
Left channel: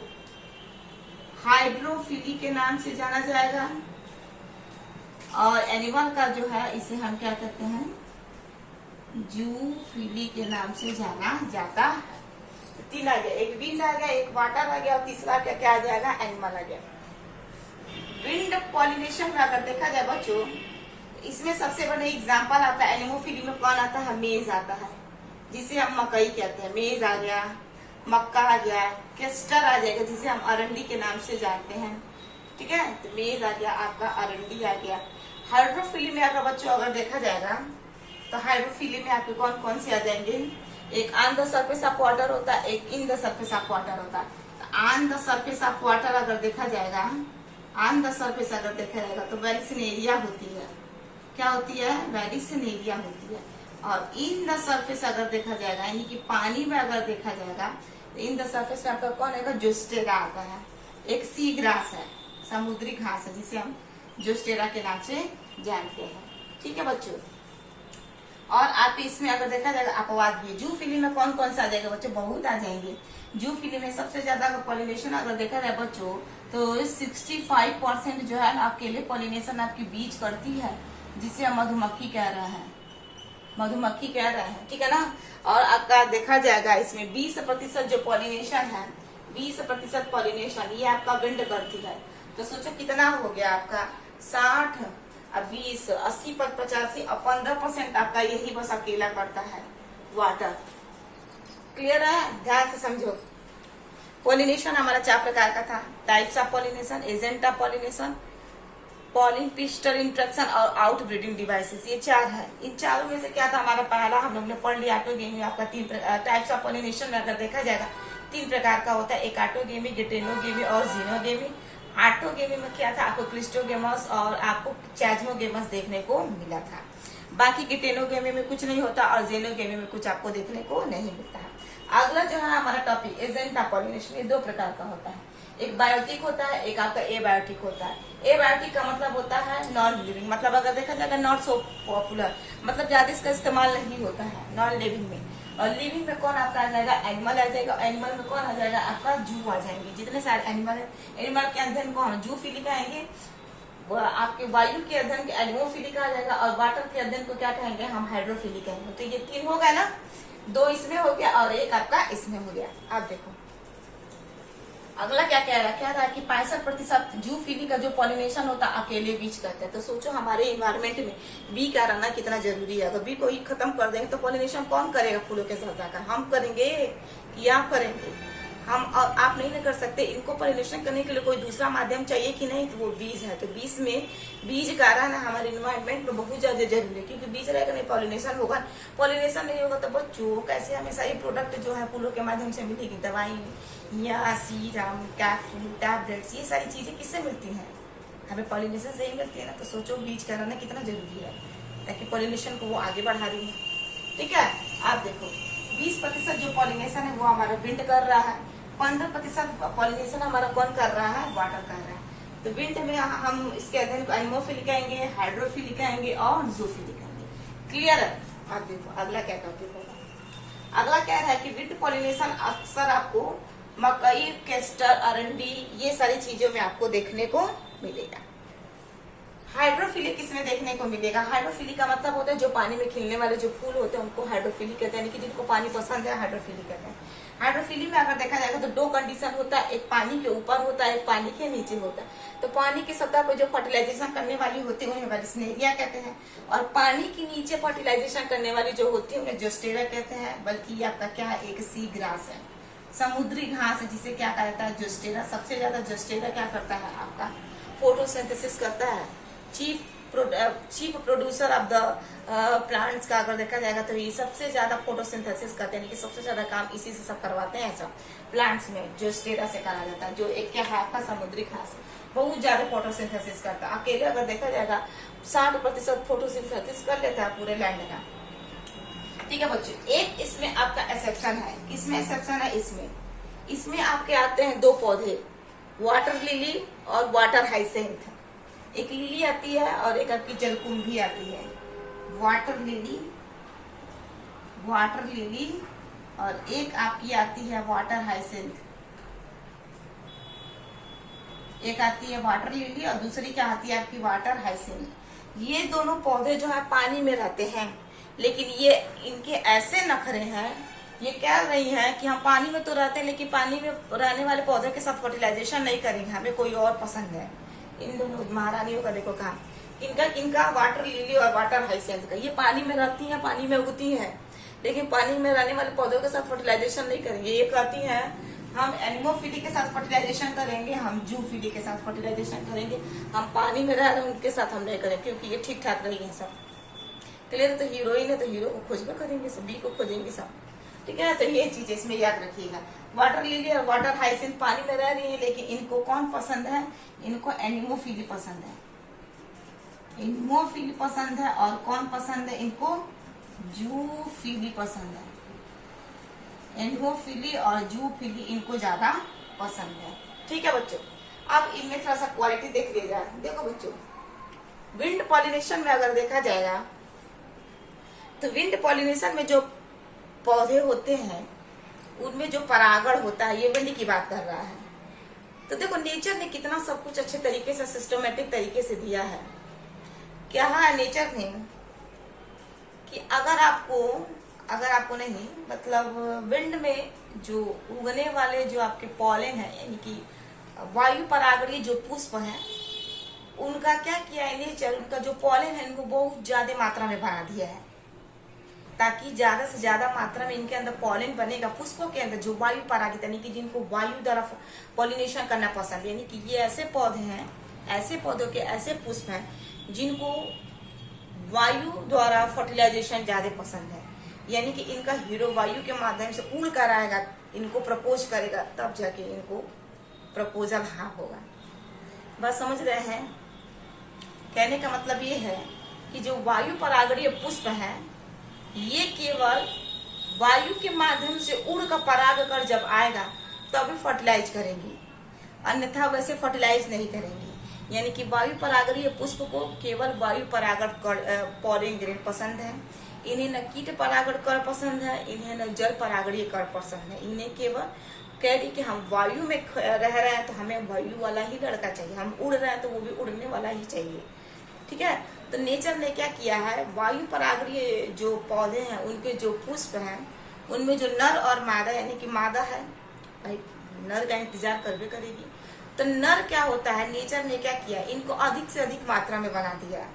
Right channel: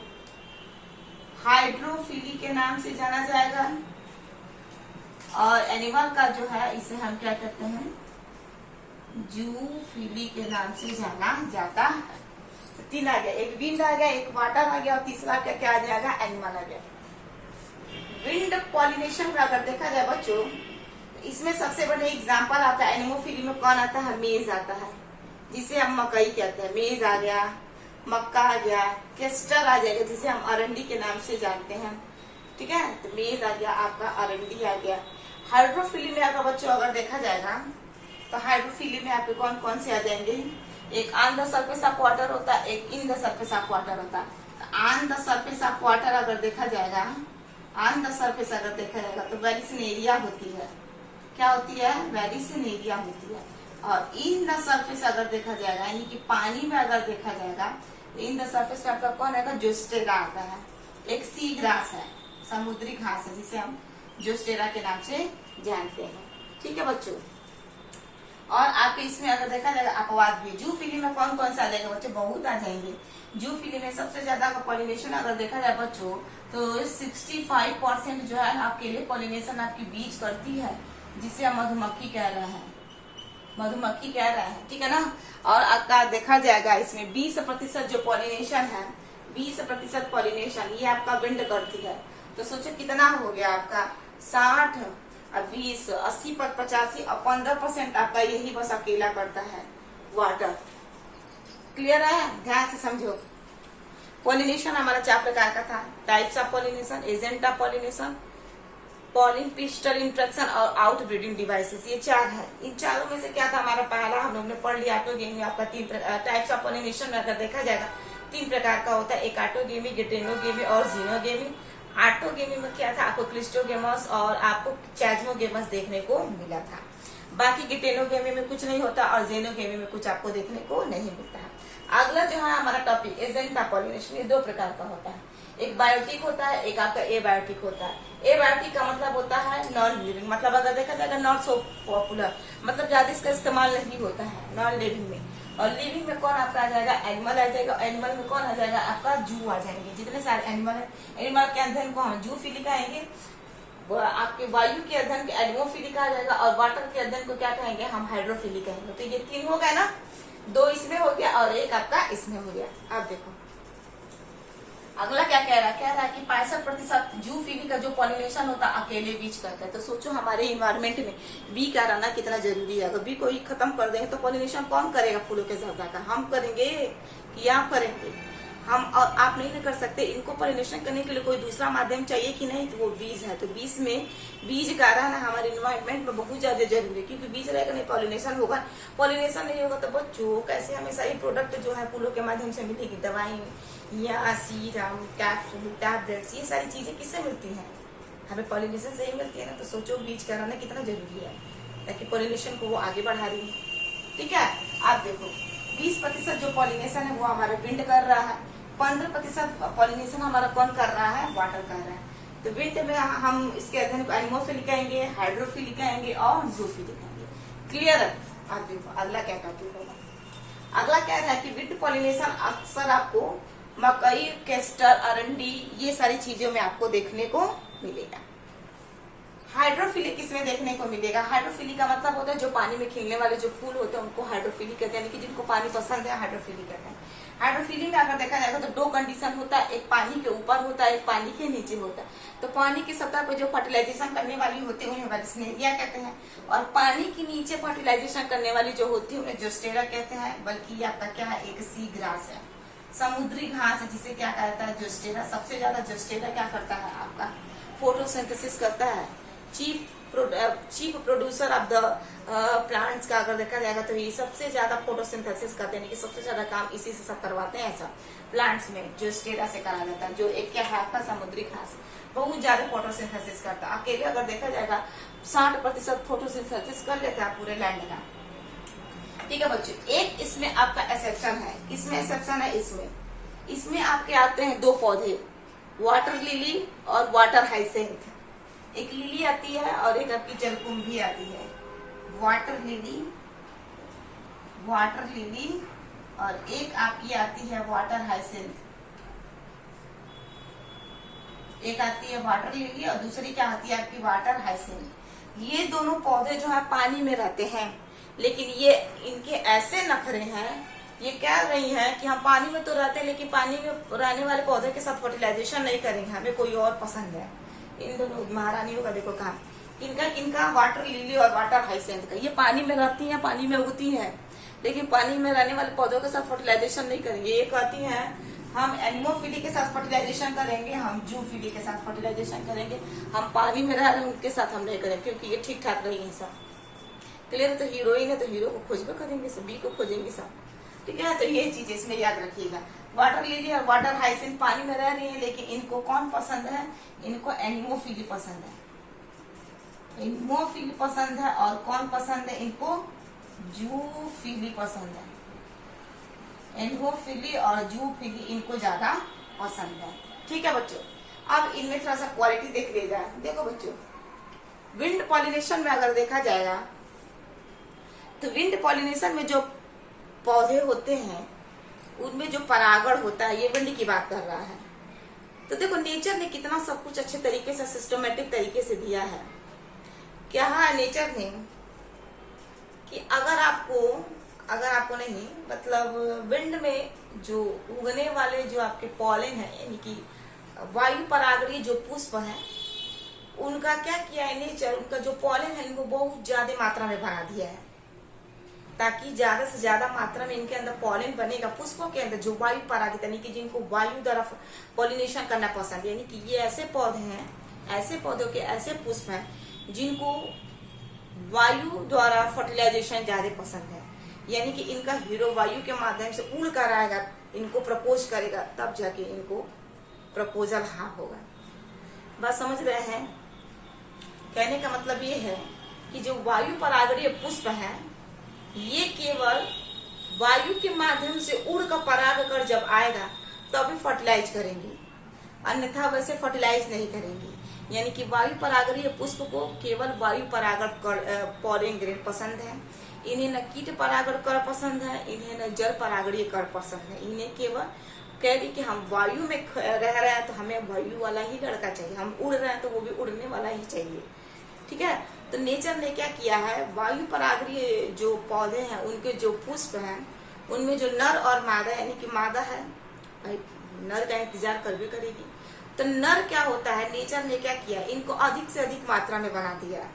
हाइड्रोफिली के नाम से जाना जाएगा, और एनिमल का जो है इसे हम क्या कहते हैं, जूफिली के नाम से जाना जाता है। तीन आ गया, एक विंड आ गया, एक वाटर आ गया, और तीसरा क्या आ जाएगा, एनिमल आ गया। विंड पॉलिनेशन का अगर देखा जाए बच्चों, इसमें सबसे बड़ा एग्जाम्पल आता है एनिमोफिली में कौन आता है, मेज आता है, जिसे हम मकई कहते हैं। मेज आ गया, मक्का आ गया, केस्टर आ जाएगा जिसे हम अरंडी के नाम से जानते हैं, ठीक है। तो मेज आ गया आपका, अरंडी आ गया। हाइड्रोफिली में अगर बच्चों अगर देखा जाएगा तो हाइड्रोफिली में आपके कौन कौन से आ जाएंगे, एक on the surface of water होता है, एक in the surface of water होता है। On the surface of water अगर देखा जाएगा, ऑन द सरफेस अगर देखा जाएगा तो वेलिसिनेरिया होती है। क्या होती है, वेलिसिनेरिया होती है। और इन द सरफेस अगर देखा जाएगा, यानी कि पानी में अगर देखा जाएगा तो इन द सरफेस में आपका कौन आएगा, जोस्टेरा आता है। एक सी ग्रास है, समुद्री घास है, जिसे हम जोस्टेरा के नाम से जानते हैं, ठीक है बच्चों। और आपके इसमें अगर देखा जाएगा अपवाद भी, जूफिली में कौन कौन सा आ जाएगा बच्चों, बहुत आ जाएंगे। जूफिली में सबसे ज्यादा पॉलिनेशन अगर देखा जाए बच्चों तो 65% जो है अकेले पॉलिनेशन आपकी बीज करती है, जिसे हम मधुमक्खी कह रहे हैं, मधुमक्खी कह रहे हैं, ठीक है ना। और आपका देखा जाएगा इसमें 20% जो पॉलिनेशन है, 20% पॉलिनेशन ये आपका विंड करती है। तो सोचो कितना हो गया आपका, 60 और 20, 80 पर 85 और 15% आपका यही बस अकेला करता है, वाटर। क्लियर है, ध्यान से समझो। पॉलिनेशन हमारा 4 प्रकार का था, types of pollination, agent of pollination, pollen pistil interaction और आउट ब्रीडिंग डिवाइसेस, ये 4 है। इन चारों में से क्या था हमारा पहला, हम लोग ने पढ़ लिया ऑटोगेमी। आपका 3 टाइप्स ऑफ पॉलिनेशन में अगर देखा जाएगा 3 प्रकार का होता है, एक ऑटोगेमी, गिटेनोगेमी और जीनोगेमी। ऑटोगेमी में क्या था, आपको क्लिस्टोगेमस और आपको चैज्मोगेमस देखने को मिला था। बाकी गिटेनोगेमी में कुछ नहीं होता और जेनोगेमी में कुछ आपको देखने को नहीं मिलता है। अगला जो है हमारा टॉपिक एजेंट ऑफ पॉलिनेशन, ये 2 प्रकार का होता है, एक बायोटिक होता है, एक आपका एबायोटिक होता है। एबायोटिक का मतलब होता है नॉन लिविंग, मतलब अगर देखा जाएगा नॉट सो पॉपुलर, मतलब ज्यादा इसका इस्तेमाल नहीं होता है नॉन लिविंग में। और लिविंग में कौन आपका आ जाएगा, एनिमल आ जाएगा। एनिमल में कौन आ जाएगा आपका, जू आ जाएंगे। जितने सारे एनिमल है, एनिमल के अध्ययन को हम जूफिली कहेंगे, आपके वायु के अध्ययन के एनिमोफिली कहा जाएगा, और वाटर के अध्ययन को क्या कहेंगे हम, हाइड्रोफिली कहेंगे। तो ये 3 हो गया ना, 2 इसमें हो गया और एक आपका इसमें हो गया। आप देखो अगला क्या कह रहा है, क्या रहा है कि 65% जूफिली का जो पॉलिनेशन होता है अकेले बीज करता है। तो सोचो हमारे इन्वायरमेंट में बी का रहना कितना जरूरी है। अगर बी को ही खत्म कर देंगे तो पॉलिनेशन कौन करेगा फूलों के साथ जाकर, हम करेंगे कि आप करेंगे, हम और आप नहीं कर सकते। इनको पॉलिनेशन करने के लिए कोई दूसरा माध्यम चाहिए कि नहीं, तो वो बीज है। तो बीज में बीज का रहना हमारे इन्वायरमेंट में बहुत ज्यादा जरूरी है, क्योंकि बीज रहेगा नहीं पॉलिनेशन होगा, पॉलिनेशन नहीं होगा तो बच्चों कैसे हमें सारी प्रोडक्ट जो है फूलों के माध्यम से मिलेगी, दवाई या सीरम, कैप्सूल, टैबलेट्स, ये सारी चीजें किससे मिलती हैं, हमें पॉलिनेशन से ही मिलती है ना। तो सोचो बीज का रहना कितना जरूरी है, ताकि पॉलिनेशन को वो आगे बढ़ा रही है, ठीक है। आप देखो 20% जो पॉलिनेशन है वो हमारा विंड कर रहा है, 15% पॉलिनेशन हमारा कौन कर रहा है, वाटर कर रहा है। तो विंड में हम इसके अध्ययन को एनिमोफिली कहेंगे, हाइड्रोफिली कहेंगे और जूफिली कहेंगे। क्लियर है। आप देखो अगला क्या टॉपिक है, अगला क्या है कि विंड पॉलिनेशन अक्सर आपको मकई, केस्टर, अरंडी, ये सारी चीजों में आपको देखने को मिलेगा। हाइड्रोफिली किसमें देखने को मिलेगा, हाइड्रोफिली का मतलब होता है जो पानी में खिलने वाले जो फूल होते हैं उनको हाइड्रोफिली कहते हैं, यानी कि जिनको पानी पसंद है हाइड्रोफिली कहते हैं। हाइड्रोफिली में अगर देखा जाएगा तो 2 कंडीशन होता है, एक पानी के ऊपर होता है, एक पानी के नीचे होता है। तो पानी की सतह पर जो फर्टिलाइजेशन करने वाली होती है उन्हें वेलिसिनेरिया कहते हैं, और पानी के नीचे फर्टिलाइजेशन करने वाली जो होती है उन्हें जोस्टेरा कहते हैं। बल्कि ये आपका क्या है, एक सी ग्रास है, समुद्री घास है, जिसे क्या कहता है, जोस्टेरा। सबसे ज्यादा जोस्टेरा क्या करता है आपका, फोटोसिंथेसिस करता है। Chief producer of the plants का अगर देखा जाएगा तो ये सबसे ज्यादा फोटोसिंथेसिस करते हैं, यानी कि सबसे ज्यादा काम इसी से सब करवाते हैं। ऐसा प्लांट्स में जोस्टेरा से करा जाता है, जो एक क्या है आपका समुद्री घास है, बहुत ज्यादा फोटोसिंथेसिस करता है। अकेले अगर देखा जाएगा 60% फोटोसिंथेसिस कर लेता है पूरे लैंड का, ठीक है बच्चों। एक इसमें आपका एक्सेप्शन है, इसमें एक्सेप्शन है, इसमें आपके आते हैं 2 पौधे, वाटर लिली और वाटर हाइसेंथ। एक लिली आती है और एक आपकी जलकुंभी आती है। वाटर लिली और एक आपकी आती है वाटर हाइसेंथ। एक आती है वाटर लिली और दूसरी क्या आती है आपकी वाटर हाइसेंथ। ये दोनों पौधे जो है पानी में रहते हैं, लेकिन ये इनके ऐसे नखरे हैं, ये कह रही हैं कि हम पानी में तो रहते हैं लेकिन पानी में रहने वाले पौधे के साथ फर्टिलाइजेशन नहीं करेंगे, हमें कोई और पसंद है। इन दोनों महारानियों का देखो काम, इनका वाटर लिली और वाटर हाइसेंथ का, ये पानी में रहती हैं, पानी में उगती हैं, लेकिन पानी में रहने वाले पौधों के साथ फर्टिलाइजेशन नहीं करेंगे। ये कहती हैं हम एनिमोफिली के साथ फर्टिलाइजेशन करेंगे, हम जूफिली के साथ फर्टिलाइजेशन करेंगे, हम पानी में रह रहे हैं उनके साथ हम नहीं करेंगे, क्योंकि ये ठीक ठाक रही है सब। क्लियर है? तो हीरोइन है तो हीरो को खोजबे करेंगे सब, बी को खोजेंगे सब, ठीक है। तो ये चीज इसमें याद रखिएगा। वाटर लिली और वाटर हाइसिंथ पानी में रह रही है, लेकिन इनको कौन पसंद है? इनको एनिमोफिली पसंद है, एनिमोफिली पसंद है। और कौन पसंद है इनको? जूफिली पसंद है। एनिमोफिली और जूफिली इनको ज्यादा पसंद है, ठीक है बच्चों। अब इनमें थोड़ा सा क्वालिटी देख लीजिए। देखो बच्चों, विंड पॉलिनेशन में अगर देखा जाएगा तो विंड पॉलिनेशन में जो पौधे होते हैं उनमें जो परागण होता है, ये विंड की बात कर रहा है। तो देखो नेचर ने कितना सब कुछ अच्छे तरीके से सिस्टमेटिक तरीके से दिया है। क्या है नेचर ने कि अगर आपको नहीं, मतलब विंड में जो उगने वाले जो आपके पॉलन है, यानी कि वायु परागणीय जो पुष्प है, उनका क्या किया है नेचर, उनका जो पॉलन है इनको बहुत ज्यादा मात्रा में बना दिया है, ताकि ज्यादा से ज्यादा मात्रा में इनके अंदर पॉलन बनेगा। पुष्पों के अंदर जो वायु परागित, यानी कि जिनको वायु द्वारा पॉलिनेशन करना पसंद है, यानी कि ये ऐसे पौधे हैं, ऐसे पौधों के ऐसे पुष्प हैं जिनको वायु द्वारा फर्टिलाइजेशन ज्यादा पसंद है, यानी कि इनका हीरो वायु के माध्यम से उड़ कर आएगा, इनको प्रपोज करेगा, तब जाके इनको प्रपोजल हाँ होगा। बस समझ रहे हैं? कहने का मतलब ये है कि जो वायु परागणीय पुष्प है ये केवल वायु के माध्यम से उड़ कर पराग कर जब आएगा तभी फर्टिलाइज करेंगी, अन्यथा वैसे फर्टिलाइज नहीं करेंगी। यानी कि वायु परागणीय पुष्प को केवल वायु परागण पॉलन ग्रेन पसंद है, इन्हें न कीट परागण कर पसंद है, इन्हें न जल परागणीय कर पसंद है। इन्हें केवल कह रही कि हम वायु में रह रहे हैं तो हमें वायु वाला ही लड़का चाहिए, हम उड़ रहे हैं तो वो भी उड़ने वाला ही चाहिए, ठीक है। तो नेचर ने क्या किया है, वायु परागणीय जो पौधे हैं उनके जो पुष्प हैं उनमें जो नर और मादा, यानी कि मादा है भाई नर का इंतजार करवे करेगी, तो नर क्या होता है, नेचर ने क्या किया, इनको अधिक से अधिक मात्रा में बना दिया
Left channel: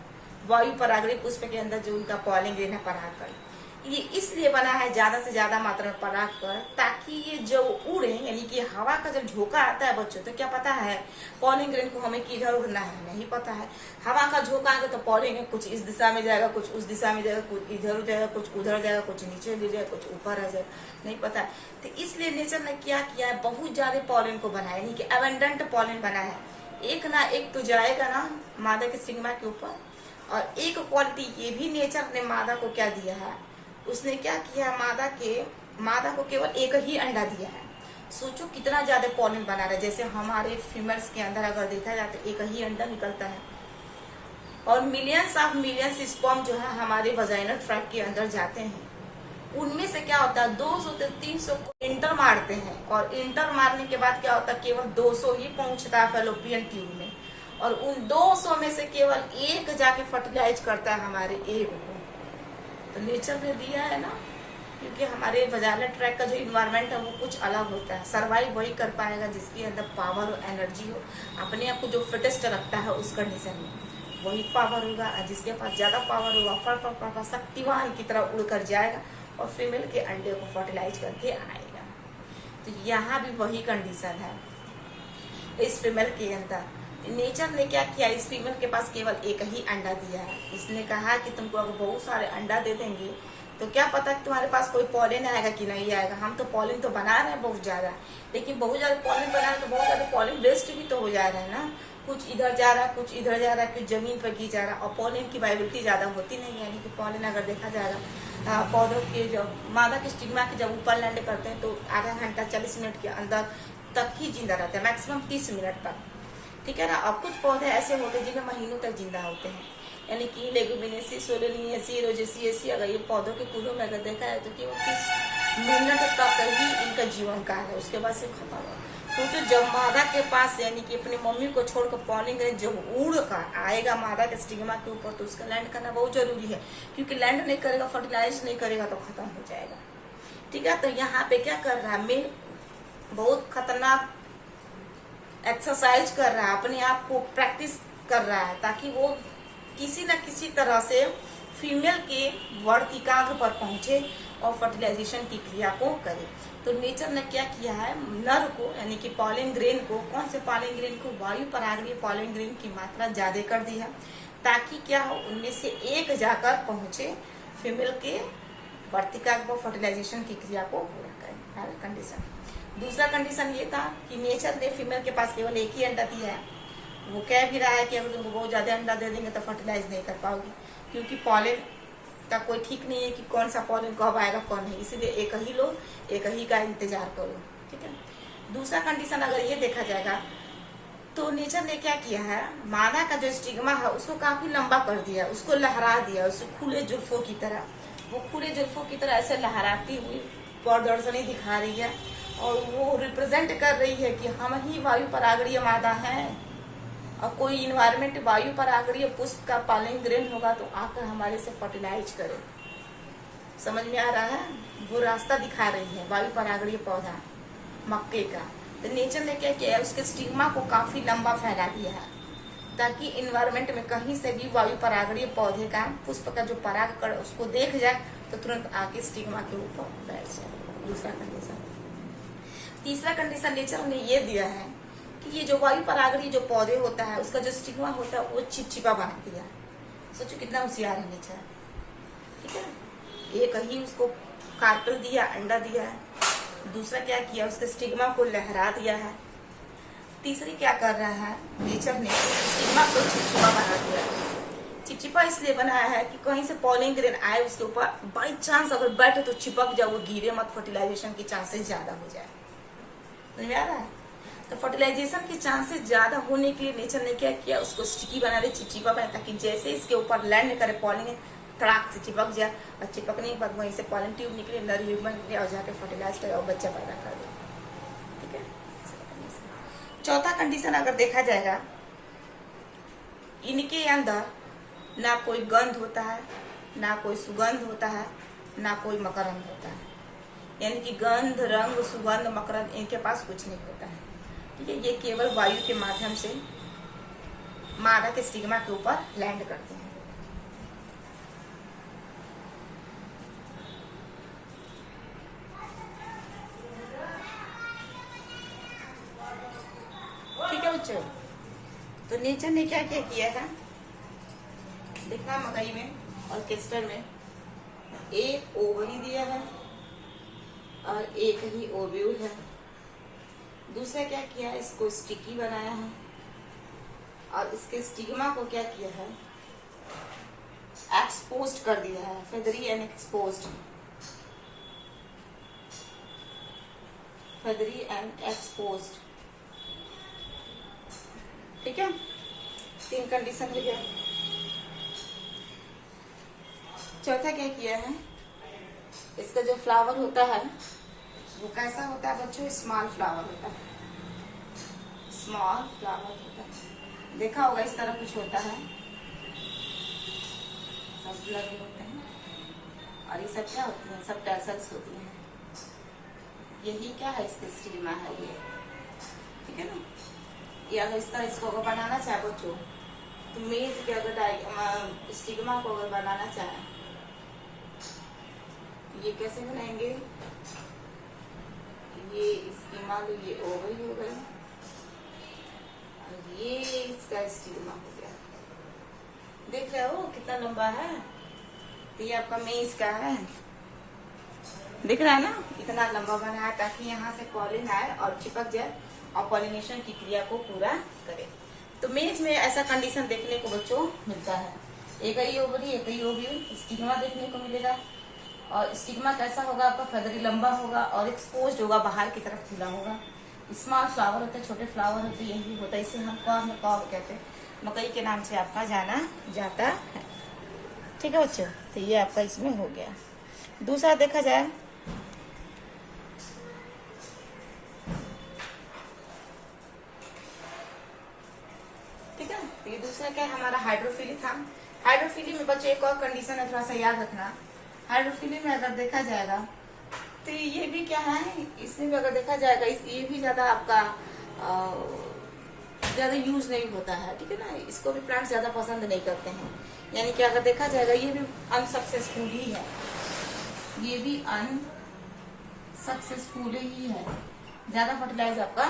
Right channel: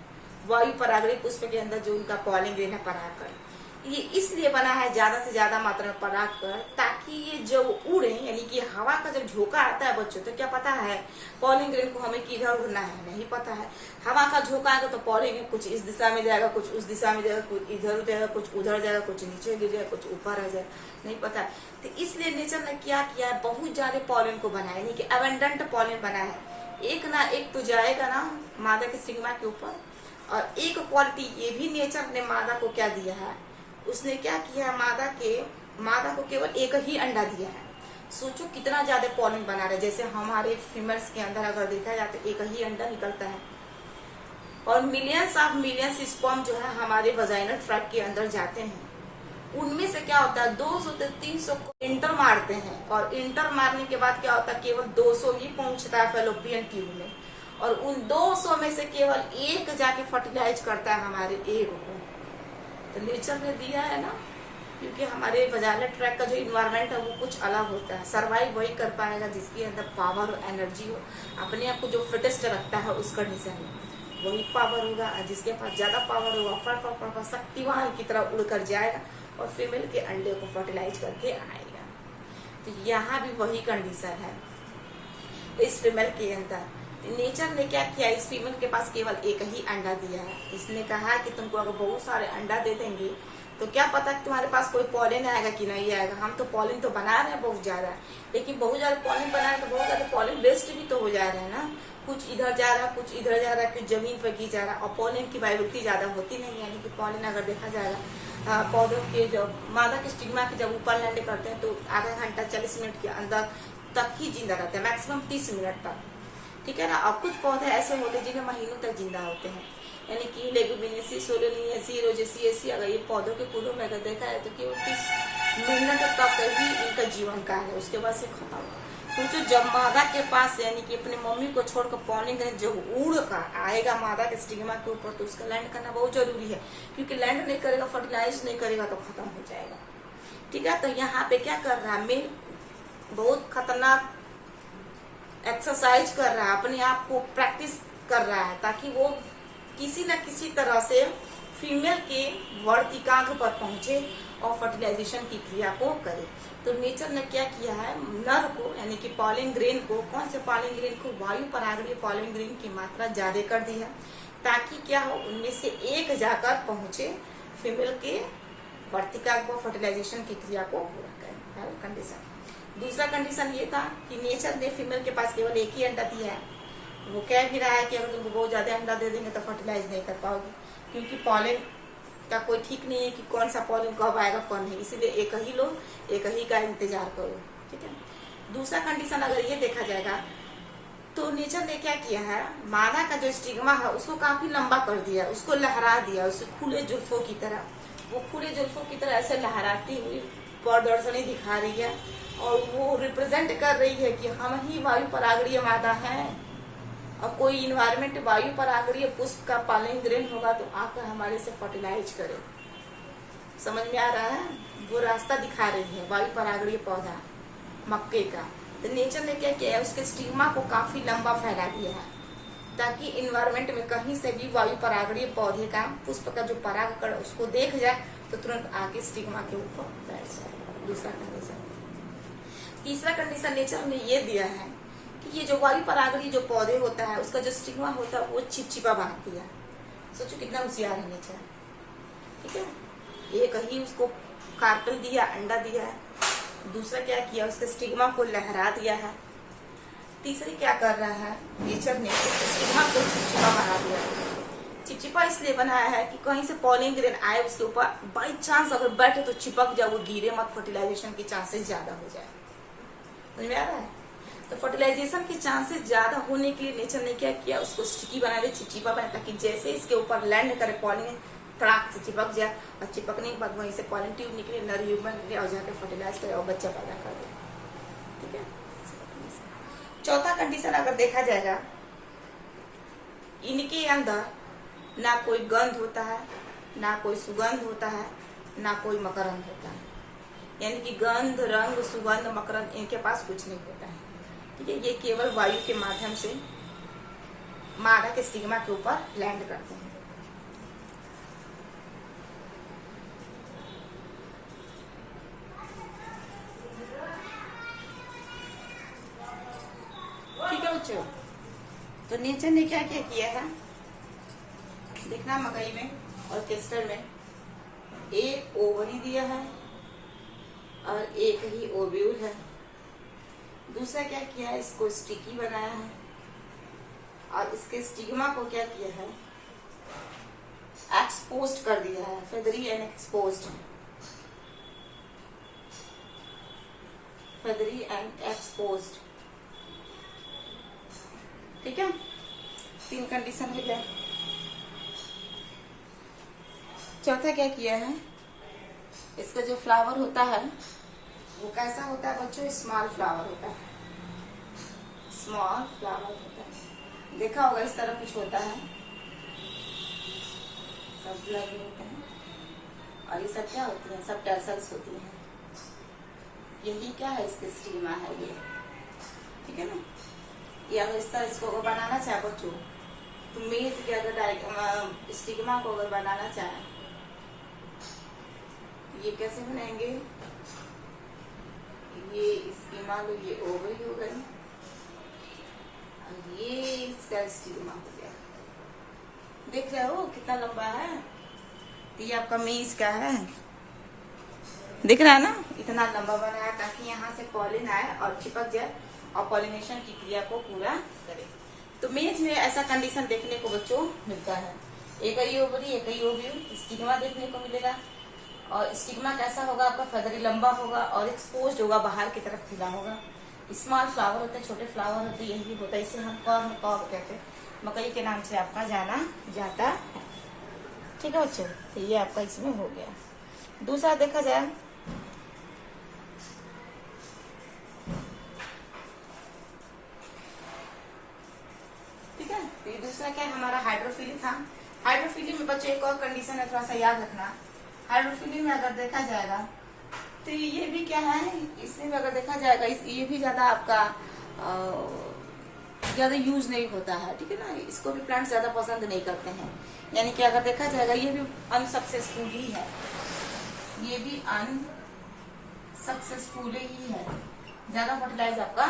वायु परागणीय पुष्प के अंदर जो उनका पॉलन ग्रेन है परागकण। ये इसलिए बना है ज्यादा से ज्यादा मात्रा में परागकण, ताकि ये जब उड़े, यानी कि हवा का जब झोंका आता है बच्चों, तो क्या पता है पॉलन ग्रेन को हमें किधर उड़ना है, नहीं पता है। हवा का झोंका आएगा तो पॉलन ग्रेन कुछ इस दिशा में जाएगा, कुछ उस दिशा में जाएगा, कुछ इधर जाएगा, कुछ उधर जाएगा, कुछ नीचे गिर जाएगा, कुछ ऊपर रह जाएगा, नहीं पता है। तो इसलिए नेचर ने क्या किया है, बहुत ज्यादा पॉलन को बनाया, यानी कि एबंडेंट पॉलन बना है। एक ना एक तो जाएगा ना मादा के स्टिग्मा के ऊपर। और एक क्वालिटी ये भी नेचर ने मादा को क्या दिया है, उसने क्या किया, मादा को केवल एक ही अंडा दिया है। सोचो कितना ज्यादा पॉलन बना रहा है। जैसे हमारे फीमेल्स के अंदर अगर देखा जाए तो एक ही अंडा निकलता है, और मिलियंस ऑफ मिलियंस स्पर्म जो है हमारे वजाइनल ट्रैक्ट के अंदर जाते हैं। उनमें से क्या होता है 200 से 300 को इंटर मारते हैं, और इंटर मारने के बाद क्या होता है केवल 200 ही पहुंचता है फैलोपियन ट्यूब में, और उन 200 में से केवल एक जाके फर्टिलाइज करता है हमारे एग को। तो नेचर ने दिया है ना, क्योंकि हमारे वजाइनल ट्रैक्ट का जो इन्वायरमेंट है वो कुछ अलग होता है। सर्वाइव वही कर पाएगा जिसके अंदर पावर हो, एनर्जी हो, अपने आप को जो फिटेस्ट रखता है उस कंडीशन में वही पावर होगा। और जिसके पास ज्यादा पावर होगा फट शक्तिवान की तरह उड़कर जाएगा और फीमेल के अंडे को फर्टिलाइज करके आएगा। तो यहाँ भी वही कंडीशन है इस फीमेल के अंदर। नेचर ने क्या किया, इस फीमेल के पास केवल एक ही अंडा दिया है। इसने कहा कि तुमको अगर बहुत सारे अंडा दे देंगे तो क्या पता कि तुम्हारे पास कोई पॉलन आएगा कि नहीं आएगा। हम तो पॉलन तो बना रहे हैं बहुत ज्यादा, लेकिन बहुत ज्यादा पॉलन बना रहे हैं तो बहुत ज्यादा पॉलन वेस्ट भी तो हो जा रहा है ना। कुछ इधर जा रहा है, कुछ इधर जा रहा है, कुछ जमीन पर गिर जा रहा है, और पॉलन की वाइबिलिटी ज्यादा होती नहीं है। यानी कि पॉलन अगर देखा जाएगा पौधों के जब मादा के स्टिग्मा के जब ऊपर लैंड करते हैं तो आधा घंटा 40 मिनट के अंदर तक ही जिंदा रहते हैं, मैक्सिमम 30 मिनट तक, ठीक है ना। और कुछ पौधे ऐसे होते हैं जिनमें महीनों तक जिंदा होते हैं, यानी कि लेगुमिनेसी, सोलेनियसी, रोजेसिएसी, अगर ये पौधों के फूलों में अगर देखा है तो केवल 30 मिनट तक ही इनका जीवन काल है, उसके बाद से खत्म हो। तो जब मादा के पास यानी कि अपनी मम्मी को छोड़कर पॉलन ग्रेन जब उड़ कर आएगा मादा के स्टिग्मा के ऊपर, तो उसका लैंड करना बहुत जरूरी है, क्योंकि लैंड नहीं करेगा, फर्टिलाइज नहीं करेगा तो खत्म हो जाएगा, ठीक है। तो यहाँ पे क्या कर रहा है, मेल बहुत खतरनाक एक्सरसाइज कर रहा है, अपने आप को प्रैक्टिस कर रहा है, ताकि वो किसी न किसी तरह से फीमेल के वर्तिकाग्र पर पहुंचे और फर्टिलाइजेशन की क्रिया को करे। तो नेचर ने क्या किया है, नर को यानी कि पॉलन ग्रेन को, कौन से पॉलन ग्रेन को, वायु परागणीय पॉलन ग्रेन की मात्रा ज्यादा कर दी है, ताकि क्या हो, उनमें से एक जाकर पहुंचे फीमेल के वर्तिका को, फर्टिलाइजेशन की क्रिया को पूरा करे। पहला कंडीशन। दूसरा कंडीशन ये था कि नेचर ने फीमेल के पास केवल एक ही अंडा दिया है। वो कह भी रहा है कि अगर तुमको बहुत ज्यादा अंडा दे देंगे तो फर्टिलाइज नहीं कर पाओगे, क्योंकि पॉलन का कोई ठीक नहीं है कि कौन सा पॉलन कब आएगा कौन नहीं, इसीलिए एक ही लो, एक ही का इंतजार करो। ठीक है। दूसरा कंडीशन अगर ये देखा जाएगा तो नेचर ने क्या किया है, मादा का जो स्टिग्मा है उसको काफी लंबा कर दिया, उसको लहरा दिया, उसे खुले जुल्फों की तरह, वो खुले जुल्फों की तरह ऐसे लहराती हुई प्रदर्शनी दिखा रही है, और वो रिप्रेजेंट कर रही है कि हम ही वायु परागणीय मादा हैं, और कोई इन्वायरमेंट वायु परागणीय पुष्प का पॉलन ग्रेन होगा तो आकर हमारे से फर्टिलाइज करे। समझ में आ रहा है, वो रास्ता दिखा रही है वायु परागणीय पौधा मक्के का। तो नेचर ने क्या किया है, उसके स्टिग्मा को काफी लंबा फैला दिया है, ताकि इन्वायरमेंट में कहीं से भी वायु परागणीय पौधे का पुष्प का जो पराग कण उसको देख जाए तो तुरंत आके स्टिग्मा के ऊपर बैठ जाए। दूसरा कंडीशन। तीसरा कंडीशन नेचर ने ये दिया है कि ये जो वायु परागणीय जो पौधे होता है उसका जो स्टिग्मा होता है वो चिपचिपा बना दिया। सोचो कितना होशियार है नेचर। ठीक है। एक ही उसको कार्पेल दिया, अंडा दिया है। दूसरा क्या किया, उसके स्टिग्मा को लहरा दिया है। तीसरी क्या कर रहा है, नेचर ने स्टिग्मा को चिपचिपा बना दिया है। चिपचिपा इसलिए बनाया है कि कहीं से पॉलन ग्रेन आए उसके ऊपर, बाई चांस अगर बैठे तो चिपक जाए, वो गिरे मत, फर्टिलाइजेशन के चांसेस ज्यादा हो जाए। समझ में आ रहा है। तो फर्टिलाइजेशन के चांसेस ज्यादा होने के लिए नेचर ने क्या किया, उसको स्टिकी बना दे, चिपचिपा बना, ताकि जैसे इसके ऊपर लैंड करे पॉलन तड़ाक से चिपक जाए, और चिपकने के बाद वहीं से पॉलन ट्यूब निकले, नर ह्यूमन निकले और जाके फर्टिलाइज करे और बच्चा पैदा कर दे। ठीक है। चौथा कंडीशन अगर देखा जाएगा, इनके अंदर ना कोई गंध होता है, ना कोई सुगंध होता है, ना कोई मकरंद होता है। यानी कि गंध, रंग, सुगंध, मकरंद इनके पास कुछ नहीं होता है। ठीक है। ये केवल वायु के माध्यम से मादा के स्टिग्मा के ऊपर लैंड करते हैं। ठीक है बच्चों। तो नेचर ने क्या क्या किया था, देखना मकई में और केस्टर में एक ओवरी दिया है और एक ही ओव्यूल है। दूसरा क्या किया है, इसको स्टिकी बनाया है, और इसके स्टिग्मा को क्या किया है, एक्सपोज्ड कर दिया है, feathery and exposed, feathery and exposed. ठीक है। 3 कंडीशन हो गया। चौथा क्या किया है, इसका जो फ्लावर होता है वो कैसा होता है बच्चों, स्मॉल फ्लावर होता है, स्मॉल फ्लावर होता है। देखा होगा इस तरह कुछ होता है, सब लगे होते हैं, और ये सब क्या होती है, सब टैसल्स होती हैं। यही क्या है, इसके स्टिग्मा है ये। ठीक है ना। ये अगर इस तरह इसको अगर बनाना चाहे बच्चों, तो मेज के अगर स्टिग्मा को अगर बनाना चाहे, ये कैसे बनाएंगे, ये इसकी मान लो ये ओवरी हो गई, और ये इसका स्टिग्मा हो गया। देख रहे हो कितना लंबा है, तो ये आपका मेज का है, दिख रहा है ना, इतना लंबा बनाया ताकि यहाँ से पॉलिन आए और चिपक जाए और पॉलिनेशन की क्रिया को पूरा करे। तो मेज में ऐसा कंडीशन देखने को बच्चों मिलता है, एक ही ओवरी एक ही ओव्यूल, स्टिग्मा देखने को मिलेगा, और स्टिग्मा कैसा होगा आपका, फेदरी लंबा होगा और एक्सपोज्ड होगा, बाहर की तरफ खिला होगा। स्मॉल फ्लावर होते हैं, छोटे फ्लावर होते हैं, यही होता है, इसे हम कॉर्न कॉब कहते हैं, मकई के नाम से आपका जाना जाता है। ठीक है बच्चों। तो ये आपका इसमें हो गया। दूसरा देखा जाए, ठीक है, तो ये दूसरा क्या है हमारा, हाइड्रोफिली था। हाइड्रोफिली में बच्चों एक और कंडीशन है, थोड़ा सा याद रखना। हाइड्रोफिली में अगर देखा जाएगा तो ये भी क्या है, इसमें भी अगर देखा जाएगा ये भी ज्यादा आपका ज्यादा यूज नहीं होता है। ठीक है ना। इसको भी प्लांट ज्यादा पसंद नहीं करते हैं, यानी कि अगर देखा जाएगा ये भी अनसक्सेसफुल ही है। ये भी अनसक्सेसफुल ही है, ज्यादा फर्टिलाइज आपका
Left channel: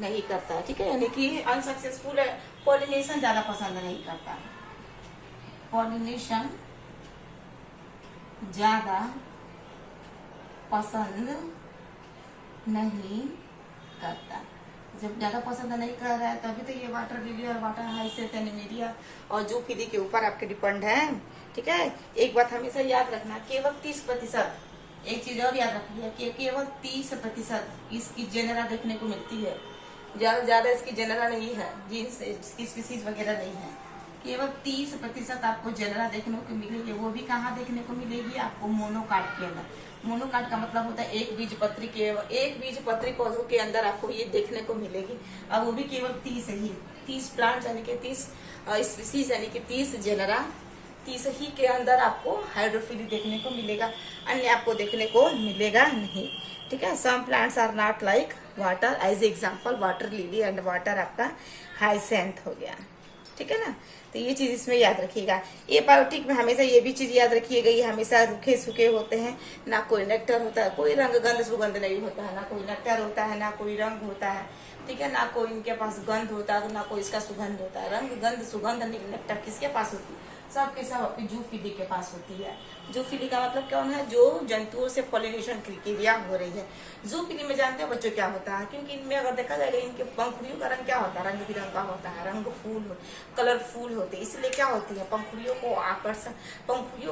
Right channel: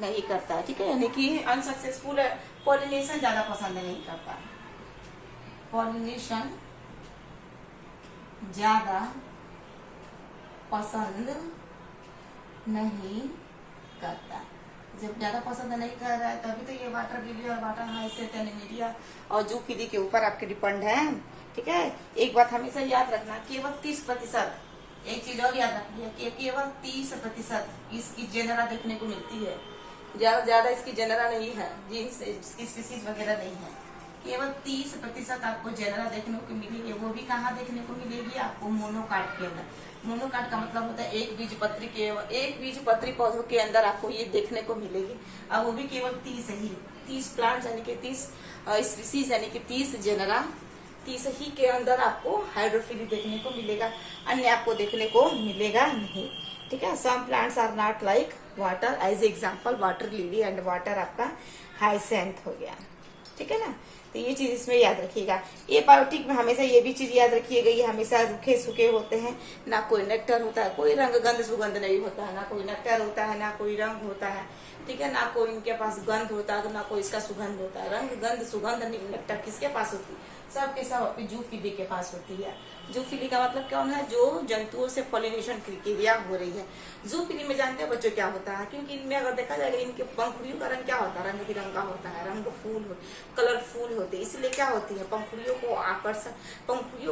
नहीं करता है, ठीक है, यानी कि अनसक्सेसफुल है, पॉलिनेशन ज्यादा पसंद नहीं करता, पॉलिनेशन ज्यादा पसंद नहीं करता। जब ज्यादा पसंद नहीं कर रहा है तभी तो ये वाटर लिली और वाटर हाइसिंथ एनिमेलिया और जूफिली के ऊपर आपके डिपेंड है, ठीक है। एक बात हमेशा याद रखना, केवल 30%, एक चीज और याद रखिए कि केवल 30% इसकी जेनरा देखने को मिलती है, ज्यादा इसकी जेनरा नहीं है, जीन्स स्पीसीज वगैरह नहीं है, केवल 30% आपको जेनरा देखने को मिलेगी। वो भी कहाँ देखने को मिलेगी आपको? मोनोकाट के अंदर। मोनोकाट का मतलब होता है एक बीजपत्री पौधों के अंदर आपको ये देखने को मिलेगी, और वो भी केवल 30 प्लांट यानी कि 30 स्पीसीज यानी कि 30 जेनरा, 30 ही के अंदर आपको हाइड्रोफिली देखने को मिलेगा, अन्य आपको देखने को मिलेगा नहीं, ठीक है। Some plants are not like water, as example water lily and water आपका हाइसेंथ हो गया, ठीक है ना। तो ये चीज इसमें याद रखिएगा। ये बायोटिक में हमेशा ये भी चीज याद रखिएगा, ये हमेशा रूखे सूखे होते हैं, ना कोई नेक्टर होता है, कोई रंग गंध सुगंध नहीं होता है, ना कोई नेक्टर होता है, ना कोई रंग होता है, ठीक है, ना कोई इनके पास गंध होता है, ना कोई इसका सुगंध होता है। रंग गंध सुगंध नेक्टर किसके पास होती है? सबके सब अपनी जूफिली के पास होती है। जूफिली का मतलब कौन है? जो जंतुओं से पॉलिनेशन क्रिया हो रही है। जूफिली में जानते हो बच्चों क्या होता है? क्योंकि इनमें अगर देखा जाएगा इनके पंखुड़ियों का रंग क्या होता है? रंग बिरंगा होता है, रंग फूल कलरफुल होते हैं, इसलिए क्या होती है? पंखुड़ियों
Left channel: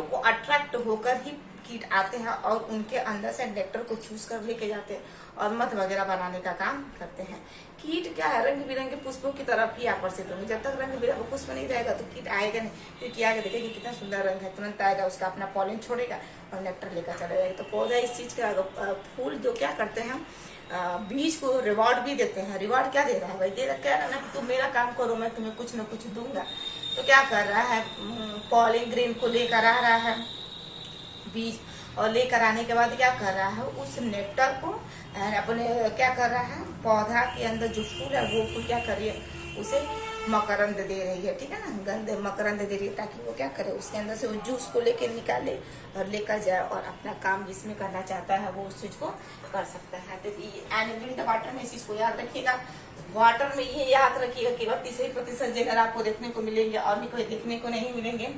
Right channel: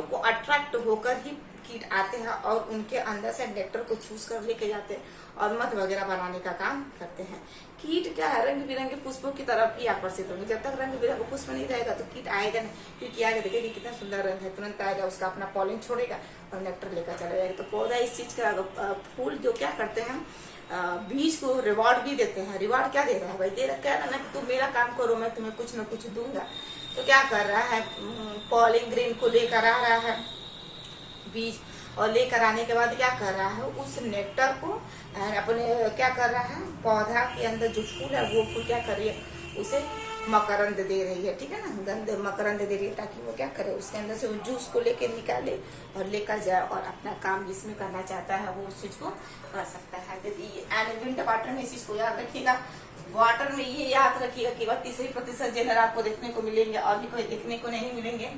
को अट्रैक्ट होकर ही कीट आते हैं और उनके अंदर से नेक्टर को चूस कर लेके जाते हैं और मध वगैरह बनाने का काम करते हैं। कीट क्या है? रंग बिरंगे पुष्पों की तरफ ही आकर्षित होंगे। जब तक रंग बिरंगा पुष्प नहीं रहेगा तो कीट आएगा नहीं, क्योंकि आगे देखेगा कितना सुंदर रंग है, तुरंत आएगा, उसका अपना पॉलिन छोड़ेगा और नेक्टर लेकर चला जाएगा। तो पौधा इस चीज का फूल जो क्या करते हैं, बीज को रिवॉर्ड भी देते हैं। रिवॉर्ड क्या दे रहा है भाई? दे रहा कह रहा ना कि तुम मेरा काम करो, मैं तुम्हें कुछ न कुछ दूंगा। तो क्या कर रहा है? पॉलिन ग्रेन को लेकर आ रहा है बीज, और लेकर आने के बाद क्या कर रहा है? उस नेक्टर को अपने क्या कर रहा है? पौधा के अंदर जो फूल है वो फूल क्या कर रही है? उसे मकरंद दे रही है, ठीक है ना, गंध मकरंद दे रही है, ताकि वो क्या करे? उसके अंदर से वो जूस को लेके निकाले और लेकर जाए और अपना काम जिसमें करना चाहता है वो उस चीज को कर सकता है। एंड विंटर वाटर में इस चीज को याद रखिएगा। वाटर में ये याद रखिएगा कि 30% जेनर आपको देखने को मिलेंगे और भी कोई देखने को नहीं मिलेंगे,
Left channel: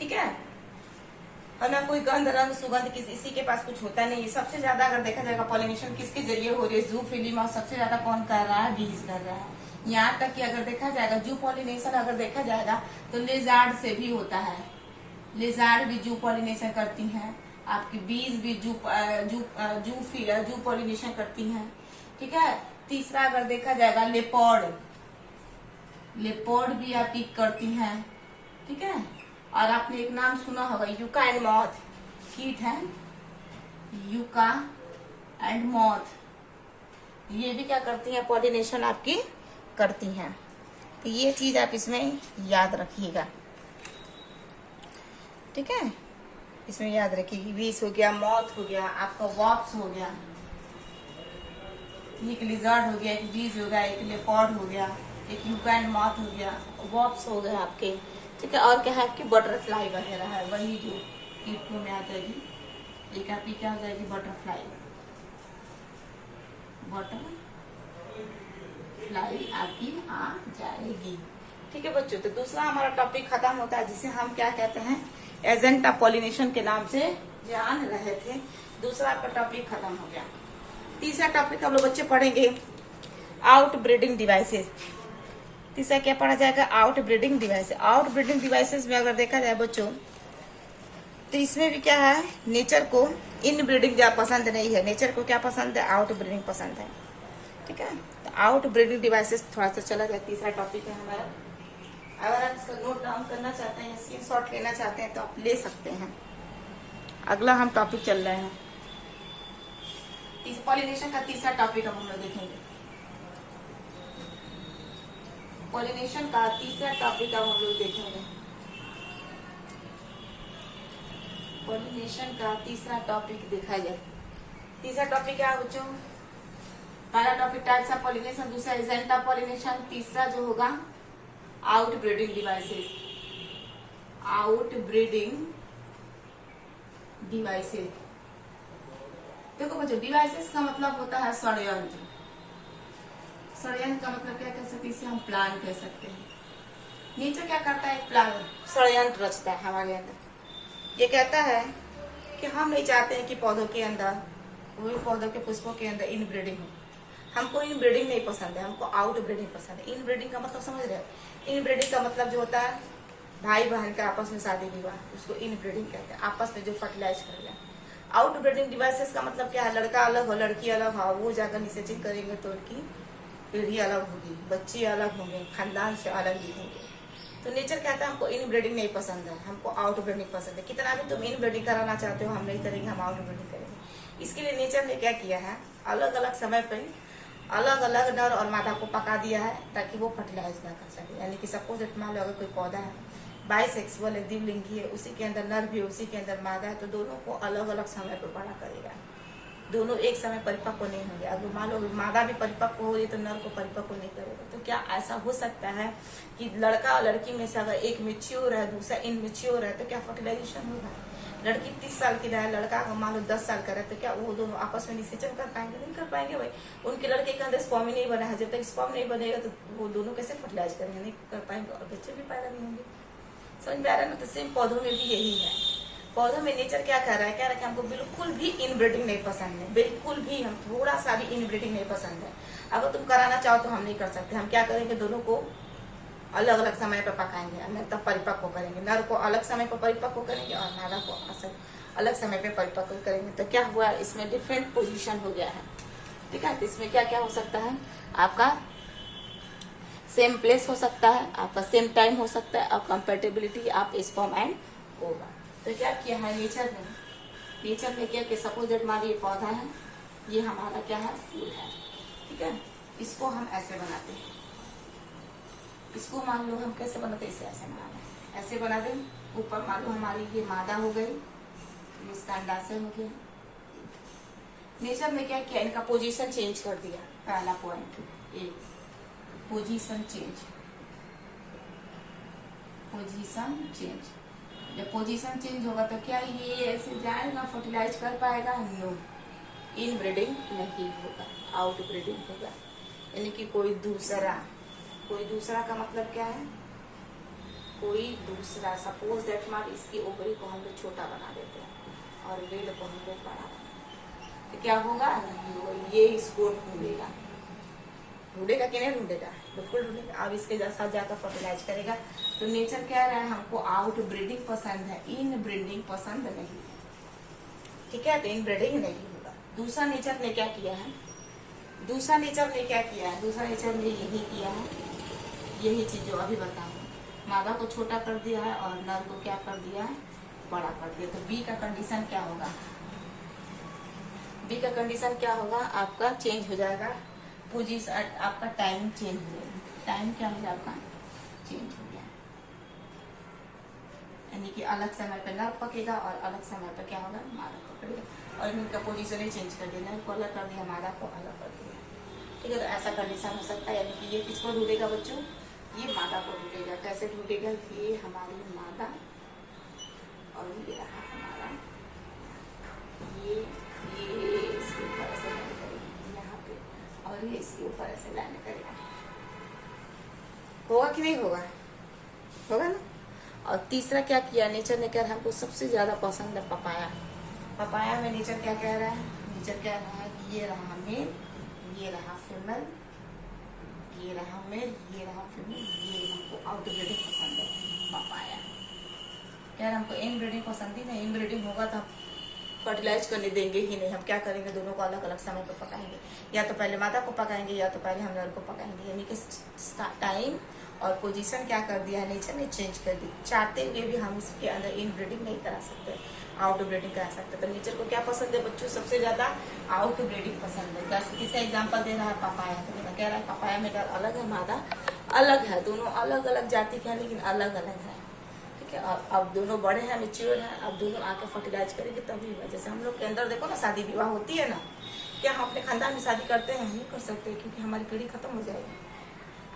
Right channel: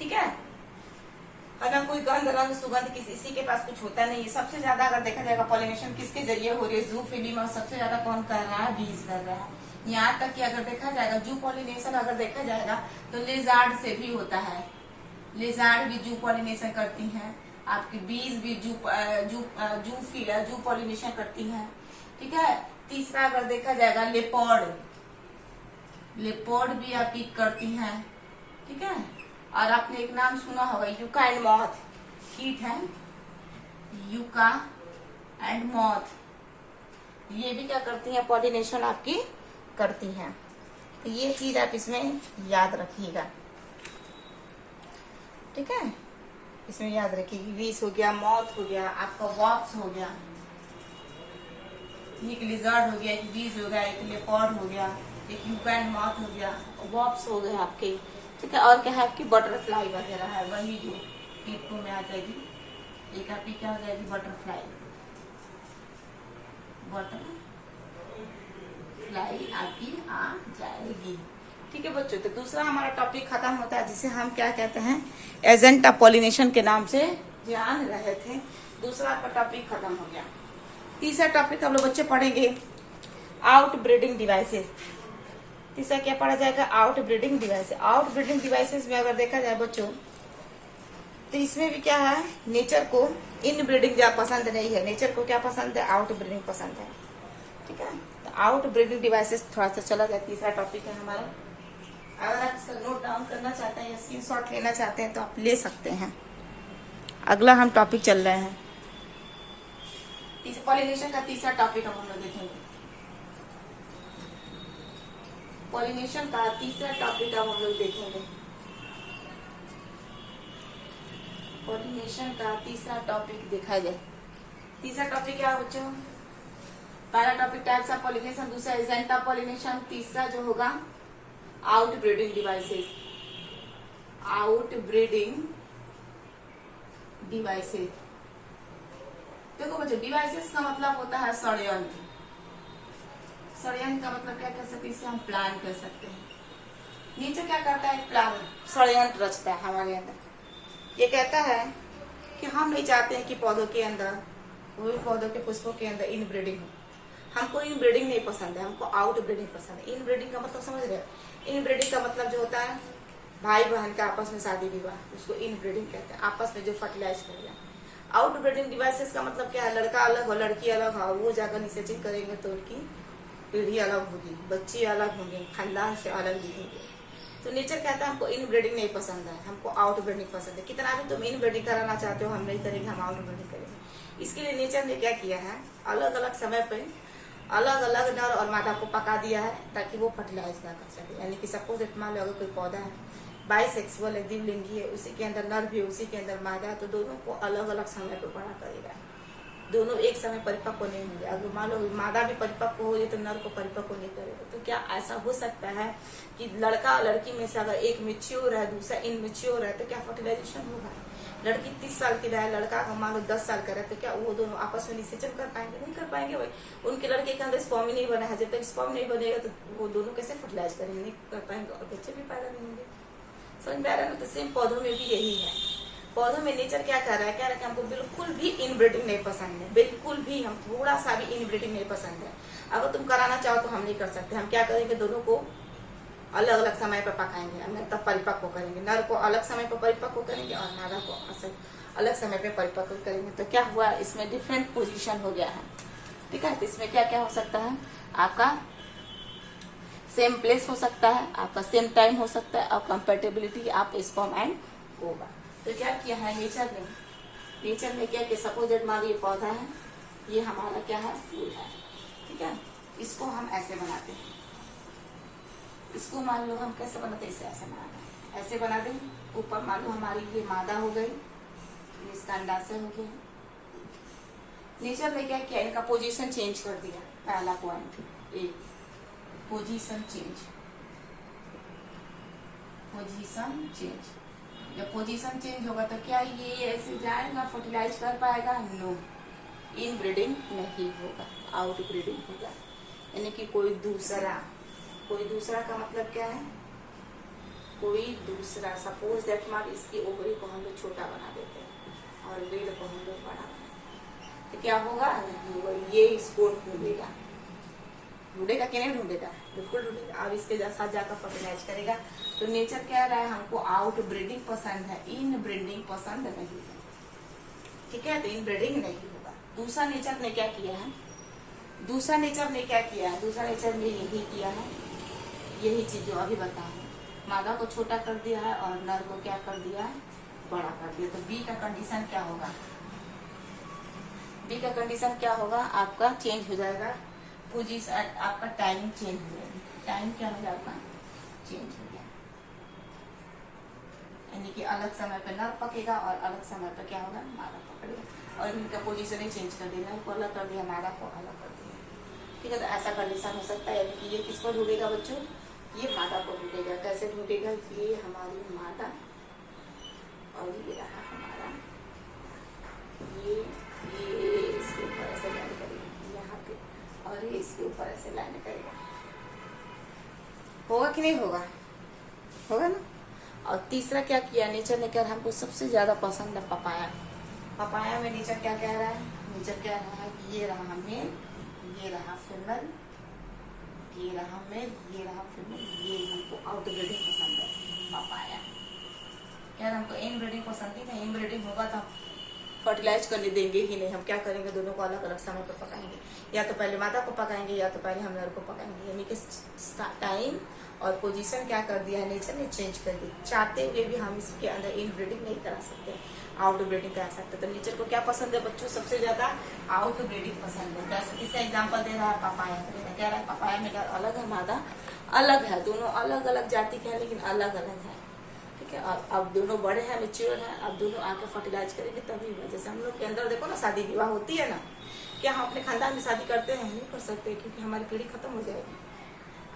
ठीक है। और ना कोई गंध रंग सुगंध किसी के पास कुछ होता नहीं है। सबसे ज्यादा अगर देखा जाएगा पॉलिनेशन किसके जरिए हो रही है? जूफिली में। और सबसे ज्यादा कौन कर रहा है? बीज कर रहा है। यहाँ तक कि अगर देखा जाएगा जू पॉलिनेशन अगर देखा जाएगा तो लेजार्ड से भी होता है। लेजार्ड भी जू पॉलिनेशन करती हैं, आपकी बीज भी जू पॉलिनेशन करती हैं, ठीक है। तीसरा अगर देखा जाएगा लेपर्ड भी आपकी करती हैं, ठीक है। और आपने एक नाम सुना होगा यूका एंड मॉथ, कीट है यूका एंड मॉथ, ये भी क्या करती हैं? पॉलिनेशन आपकी करती हैं। तो ये चीज आप इसमें याद रखिएगा, ठीक है। इसमें याद रखिएगा बीस हो गया, मॉथ हो गया, आपका वॉप्स हो गया, एक लिजर्ड हो गया, एक बीज हो गया, एक लेपर्ड हो गया, एक यूका एंड मॉथ हो गया, वॉप्स हो गए आपके, ठीक है। और क्या है आपकी? बटरफ्लाई वगैरह है, वही जो कीटों में आ जाएगी। एक आपकी क्या हो जाएगी? बटरफ्लाई आपकी आ जाएगी, ठीक है बच्चों। तो दूसरा हमारा टॉपिक खत्म होता है, जिसे हम क्या कहते हैं? एजेंट ऑफ पॉलिनेशन के नाम से जान रहे थे। दूसरा आपका टॉपिक खत्म हो गया। तीसरा टॉपिक हम लोग बच्चे पढ़ेंगे आउट ब्रीडिंग डिवाइसेस। तीसरा क्या पढ़ा जाएगा? Out breeding devices. Out breeding devices में अगर देखा जाए बच्चों तो इसमें भी क्या है? नेचर को इन ब्रीडिंग क्या पसंद नहीं है, नेचर को क्या पसंद है? आउट ब्रीडिंग पसंद है, ठीक है। तो आउट ब्रीडिंग डिवाइसेस थोड़ा सा चला जाए, तीसरा टॉपिक है हमारा। अगर आप इसका नोट डाउन करना चाहते हैं या स्क्रीनशॉट लेना चाहते हैं तो आप ले सकते हैं। अगला हम टॉपिक चल रहे हैं पॉलिनेशन का। तीसरा टॉपिक हम लोग देखेंगे पॉलिनेशन का तीसरा टॉपिक अब हम लोग देखेंगे। पॉलिनेशन का तीसरा टॉपिक देखा जाए। तीसरा टॉपिक क्या बच्चों? पहला टॉपिक टाइप्स ऑफ पॉलिनेशन, दूसरा एजेंट ऑफ पॉलिनेशन, तीसरा जो होगा out breeding devices. Out breeding devices, देखो बच्चों, डिवाइसेस का मतलब होता है षड्यंत्र। षड्यंत्र का मतलब क्या कह सकते हैं, इसे हम प्लान कह सकते हैं। नेचर क्या करता है, प्लान षड्यंत्र रचता है हमारे अंदर। ये कहता है कि हम नहीं चाहते हैं कि पौधों के अंदर, कोई पौधों के पुष्पों के अंदर इनब्रीडिंग हो। हमको इनब्रीडिंग नहीं पसंद है, हमको आउट ब्रीडिंग पसंद है। इनब्रीडिंग का मतलब समझ रहे हैं? इनब्रीडिंग का मतलब जो होता है भाई बहन का आपस में शादी विवाह, उसको इनब्रीडिंग कहते हैं, आपस में जो फर्टिलाइज कर जाए। आउट ब्रीडिंग डिवाइसेस का मतलब क्या है, लड़का अलग हो लड़की अलग हो, वो जाकर निषेचन करेंगे तो उनकी पीढ़ी अलग होगी, बच्चे अलग होंगे, खानदान से अलग दिखेंगे। तो नेचर कहता है हमको इनब्रीडिंग नहीं पसंद है, हमको आउट ब्रीडिंग पसंद है। कितना भी तुम इनब्रीडिंग कराना चाहते हो, हम नहीं करेंगे, हम आउट ब्रीडिंग करेंगे। इसके लिए नेचर ने क्या किया है, अलग अलग समय पे अलग अलग नर और मादा को पका दिया है ताकि वो फर्टिलाइज ना कर सके। यानी कि सपोज इट मान लो अगर कोई पौधा है, बाइसेक्सुअल है, द्विलिंगी है, उसी के अंदर नर भी है, उसी के अंदर मादा है, तो दोनों को अलग अलग समय पर बड़ा करेगा। दोनों एक समय परिपक्व नहीं होंगे। अगर मान लो मादा भी परिपक्व हो रही तो नर को परिपक्व नहीं करेगा। तो क्या ऐसा हो सकता है कि लड़का और लड़की में से अगर एक मेच्योर है दूसरा इनमेच्योर है, तो क्या फर्टिलाइजेशन होगा? लड़की 30 साल की रहे, लड़का अगर मान लो 10 साल का रहे, तो क्या वो दोनों आपस में निषेचन कर पाएंगे? नहीं कर पाएंगे भाई। उनके लड़के के अंदर स्पर्म ही नहीं बना है, जब तक स्पर्म नहीं बनेगा तो वो दोनों कैसे फर्टिलाइज करेंगे? नहीं कर पाएंगे और बच्चे भी पैदा नहीं होंगे। समझ में आ रहा है ना? तो सेम पौधों में भी यही है। पौधों में नेचर क्या कर रहा है, कह रहा है कि हमको बिल्कुल भी इनब्रीडिंग नहीं पसंद है, बिल्कुल भी, हम थोड़ा सा भी इनब्रीडिंग नहीं पसंद है। अगर तुम कराना चाहो तो हम नहीं कर सकते। हम क्या करेंगे, दोनों को अलग अलग समय पर पकाएंगे, हमें तब परिपक्व करेंगे। नर को अलग समय पर परिपक्व करेंगे और मादा को अलग समय पर परिपक्व करेंगे। तो क्या हुआ, इसमें डिफरेंट पोजिशन हो गया है। ठीक है, तो इसमें क्या क्या हो सकता है, आपका सेम प्लेस हो सकता है, आपका सेम टाइम हो सकता है, और कंपेटेबिलिटी आप स्पर्म एंड होगा। तो क्या किया है नेचर ने, नेचर ने क्या कि सपोज दैट मान ये पौधा है, ये हमारा क्या है, फूल है। ठीक है, इसको हम ऐसे बनाते हैं, इसको मान लो हम कैसे बनाते हैं, इसे ऐसे बनाना है, ऐसे बना दें। ऊपर मान लो हमारी ये मादा हो गई, इसका अंडाशय हो गया। नेचर ने क्या किया, इनका पोजीशन चेंज कर दिया। पहला point A, position change, position change. जब पोजीशन चेंज होगा तो क्या ये ऐसे जाएगा, फर्टिलाइज कर पाएगा? नो, इन ब्रीडिंग नहीं होगा, आउट ब्रीडिंग होगा। यानी कि कोई दूसरा का मतलब क्या है, कोई दूसरा। सपोज दैट मान इसकी ओवरी को हम लोग छोटा बना देते हैं और रीढ़ को हम लोग बड़ा बनाते हैं, तो क्या होगा, नहीं होगा, ये इसको ढूंढेगा। ढूंढेगा कि नहीं ढूंढेगा? बिल्कुल ढूंढेगा। अब इसके साथ जाकर फर्टिलाइज करेगा। तो नेचर कह रहा है हमको आउट ब्रीडिंग पसंद है, इन ब्रीडिंग पसंद नहीं है। ठीक है, तो इन ब्रीडिंग नहीं होगा। दूसरा नेचर ने क्या किया है, दूसरा नेचर ने क्या किया है, दूसरा नेचर ने यही किया है, यही चीज जो अभी बताऊं, मादा को छोटा कर दिया है और नर को क्या कर दिया है, बड़ा कर दिया। तो बी का कंडीशन क्या होगा, बी का कंडीशन क्या होगा, आपका चेंज हो जाएगा पोजीशन, आपका टाइमिंग चेंज हो जाएगी। टाइम क्या हो जाएगा, चेंज हो गया। यानी कि अलग समय पर नर पकेगा और अलग समय पर क्या होगा, मादा पकड़ेगा। और इनका पोजीशन ही चेंज कर दिया, नर को अलग कर दिया, मादा को अलग कर दिया। ठीक है, तो ऐसा कंडीशन हो सकता है। यानी कि ये किसको ढूंढेगा बच्चों, ये मादा को ढूंढेगा। कैसे ढूंढेगा, ये हमारी मादा और ये रहा हमारा, ये इसके ऊपर ऐसे लैंड करेगा यहाँ पे, और ये इसके ऊपर ऐसे लैंड करेगा। होगा कि नहीं होगा, होगा ना। और तीसरा क्या किया नेचर ने, क्या हमको सबसे ज्यादा पसंद है पपाया। पपाया में नेचर क्या कह रहा है, नेचर कह रहा है कि ये रहा मेल, ये रहा फीमेल, ये रहा मेल, ये रहा फीमेल, ये हमको आउट ब्रीडिंग पसंद है पपाया। यार हमको इन ब्रीडिंग पसंद ही नहीं, इन ब्रीडिंग होगा तो फर्टिलाइज करने देंगे ही नहीं। हम क्या करेंगे, दोनों को अलग अलग समय पर पकाएंगे, या तो पहले मादा को पकाएंगे या तो पहले हम नर को पकाएंगे। यानी कि टाइम और पोजीशन क्या कर दिया है, नेचर ने चेंज कर दी। चाहते हुए भी हम इसके अंदर इन ब्रीडिंग नहीं करा सकते, आउट ब्रीडिंग करा सकते। तो नेचर को क्या पसंद है बच्चों, सबसे ज्यादा आउट ब्रीडिंग पसंद है। जैसे एग्जाम्पल दे रहा है पपाया, तो कह रहा है पपाया में अलग है, मादा अलग है, दोनों अलग अलग जाति के हैं लेकिन अलग अलग है। ठीक है, और अब दोनों बड़े हैं, मेच्योर हैं, अब दोनों आकर फर्टिलाइज करेंगे तभी हुआ। जैसे हम लोग के अंदर देखो ना, शादी विवाह होती है ना, क्या हम अपने खानदान में शादी करते हैं, नहीं कर सकते, क्योंकि हमारी पीढ़ी खत्म हो जाएगी।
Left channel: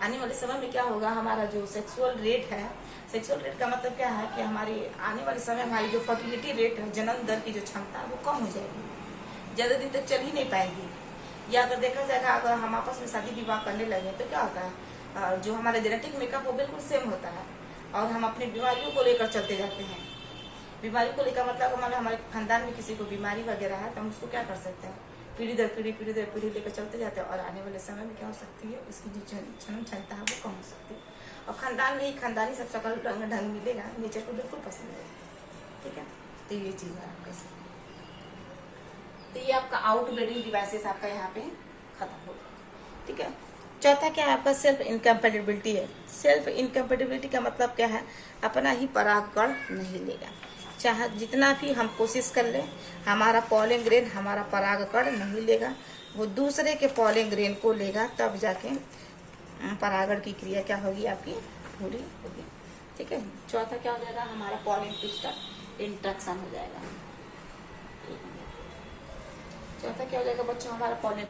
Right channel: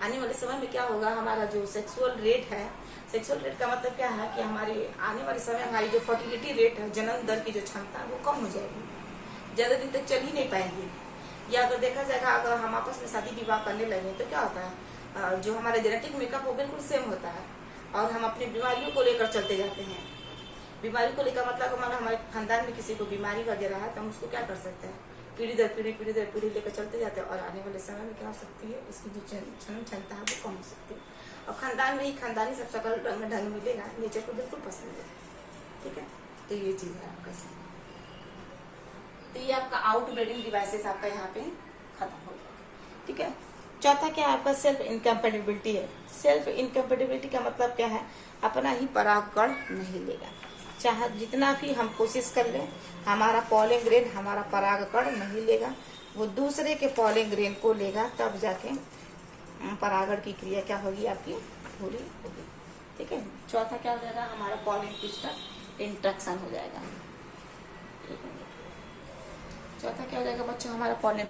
आने वाले समय में क्या होगा, हमारा जो सेक्सुअल रेट है, सेक्सुअल रेट का मतलब क्या है कि हमारी आने वाले समय हमारी जो फर्टिलिटी रेट है, जन्म दर की जो क्षमता है वो कम हो जाएगी। ज्यादा दिन तक चल ही नहीं पाएगी। या अगर देखा जाएगा, अगर हम आपस में शादी विवाह करने लगे तो क्या होता है, जो हमारा जेनेटिक मेकअप वो बिल्कुल सेम होता है और हम अपनी बीमारियों को लेकर चलते जाते हैं। बीमारी को लेकर मतलब हमारे खानदान में किसी को बीमारी वगैरह है तो हम उसको क्या कर सकते हैं, पीढ़ी दर पीढ़ी लेकर चलते जाते हैं और आने वाले समय में क्या हो सकती है, उसकी जो जन्म क्षमता है वो कम हो सकती है। और खानदान में ही खानदानी सब शकल रंग ढंग मिलेगा, नेचर को बिल्कुल पसंद है। ठीक है, तो ये चीज है आपका। तो ये आपका आउटब्रीडिंग डिवाइसेस आपका यहाँ पे खत्म हो गया। ठीक है, चौथा क्या है आपका सेल्फ इनकम्पेटिबिलिटी है। सेल्फ इनकम्पेटिबिलिटी का मतलब क्या है, अपना ही परागकण नहीं लेगा। चाहे जितना भी हम कोशिश कर लें, हमारा पॉलन ग्रेन हमारा परागकण नहीं लेगा, वो दूसरे के पॉलन ग्रेन को लेगा, तब जाके परागण की क्रिया क्या होगी आपकी पूरी होगी। ठीक है, चौथा क्या हो जाएगा, हमारा पॉलन क्रिस्टल इंट्रैक्शन हो जाएगा। चौथा क्या हो जाएगा बच्चों, हमारा पॉलन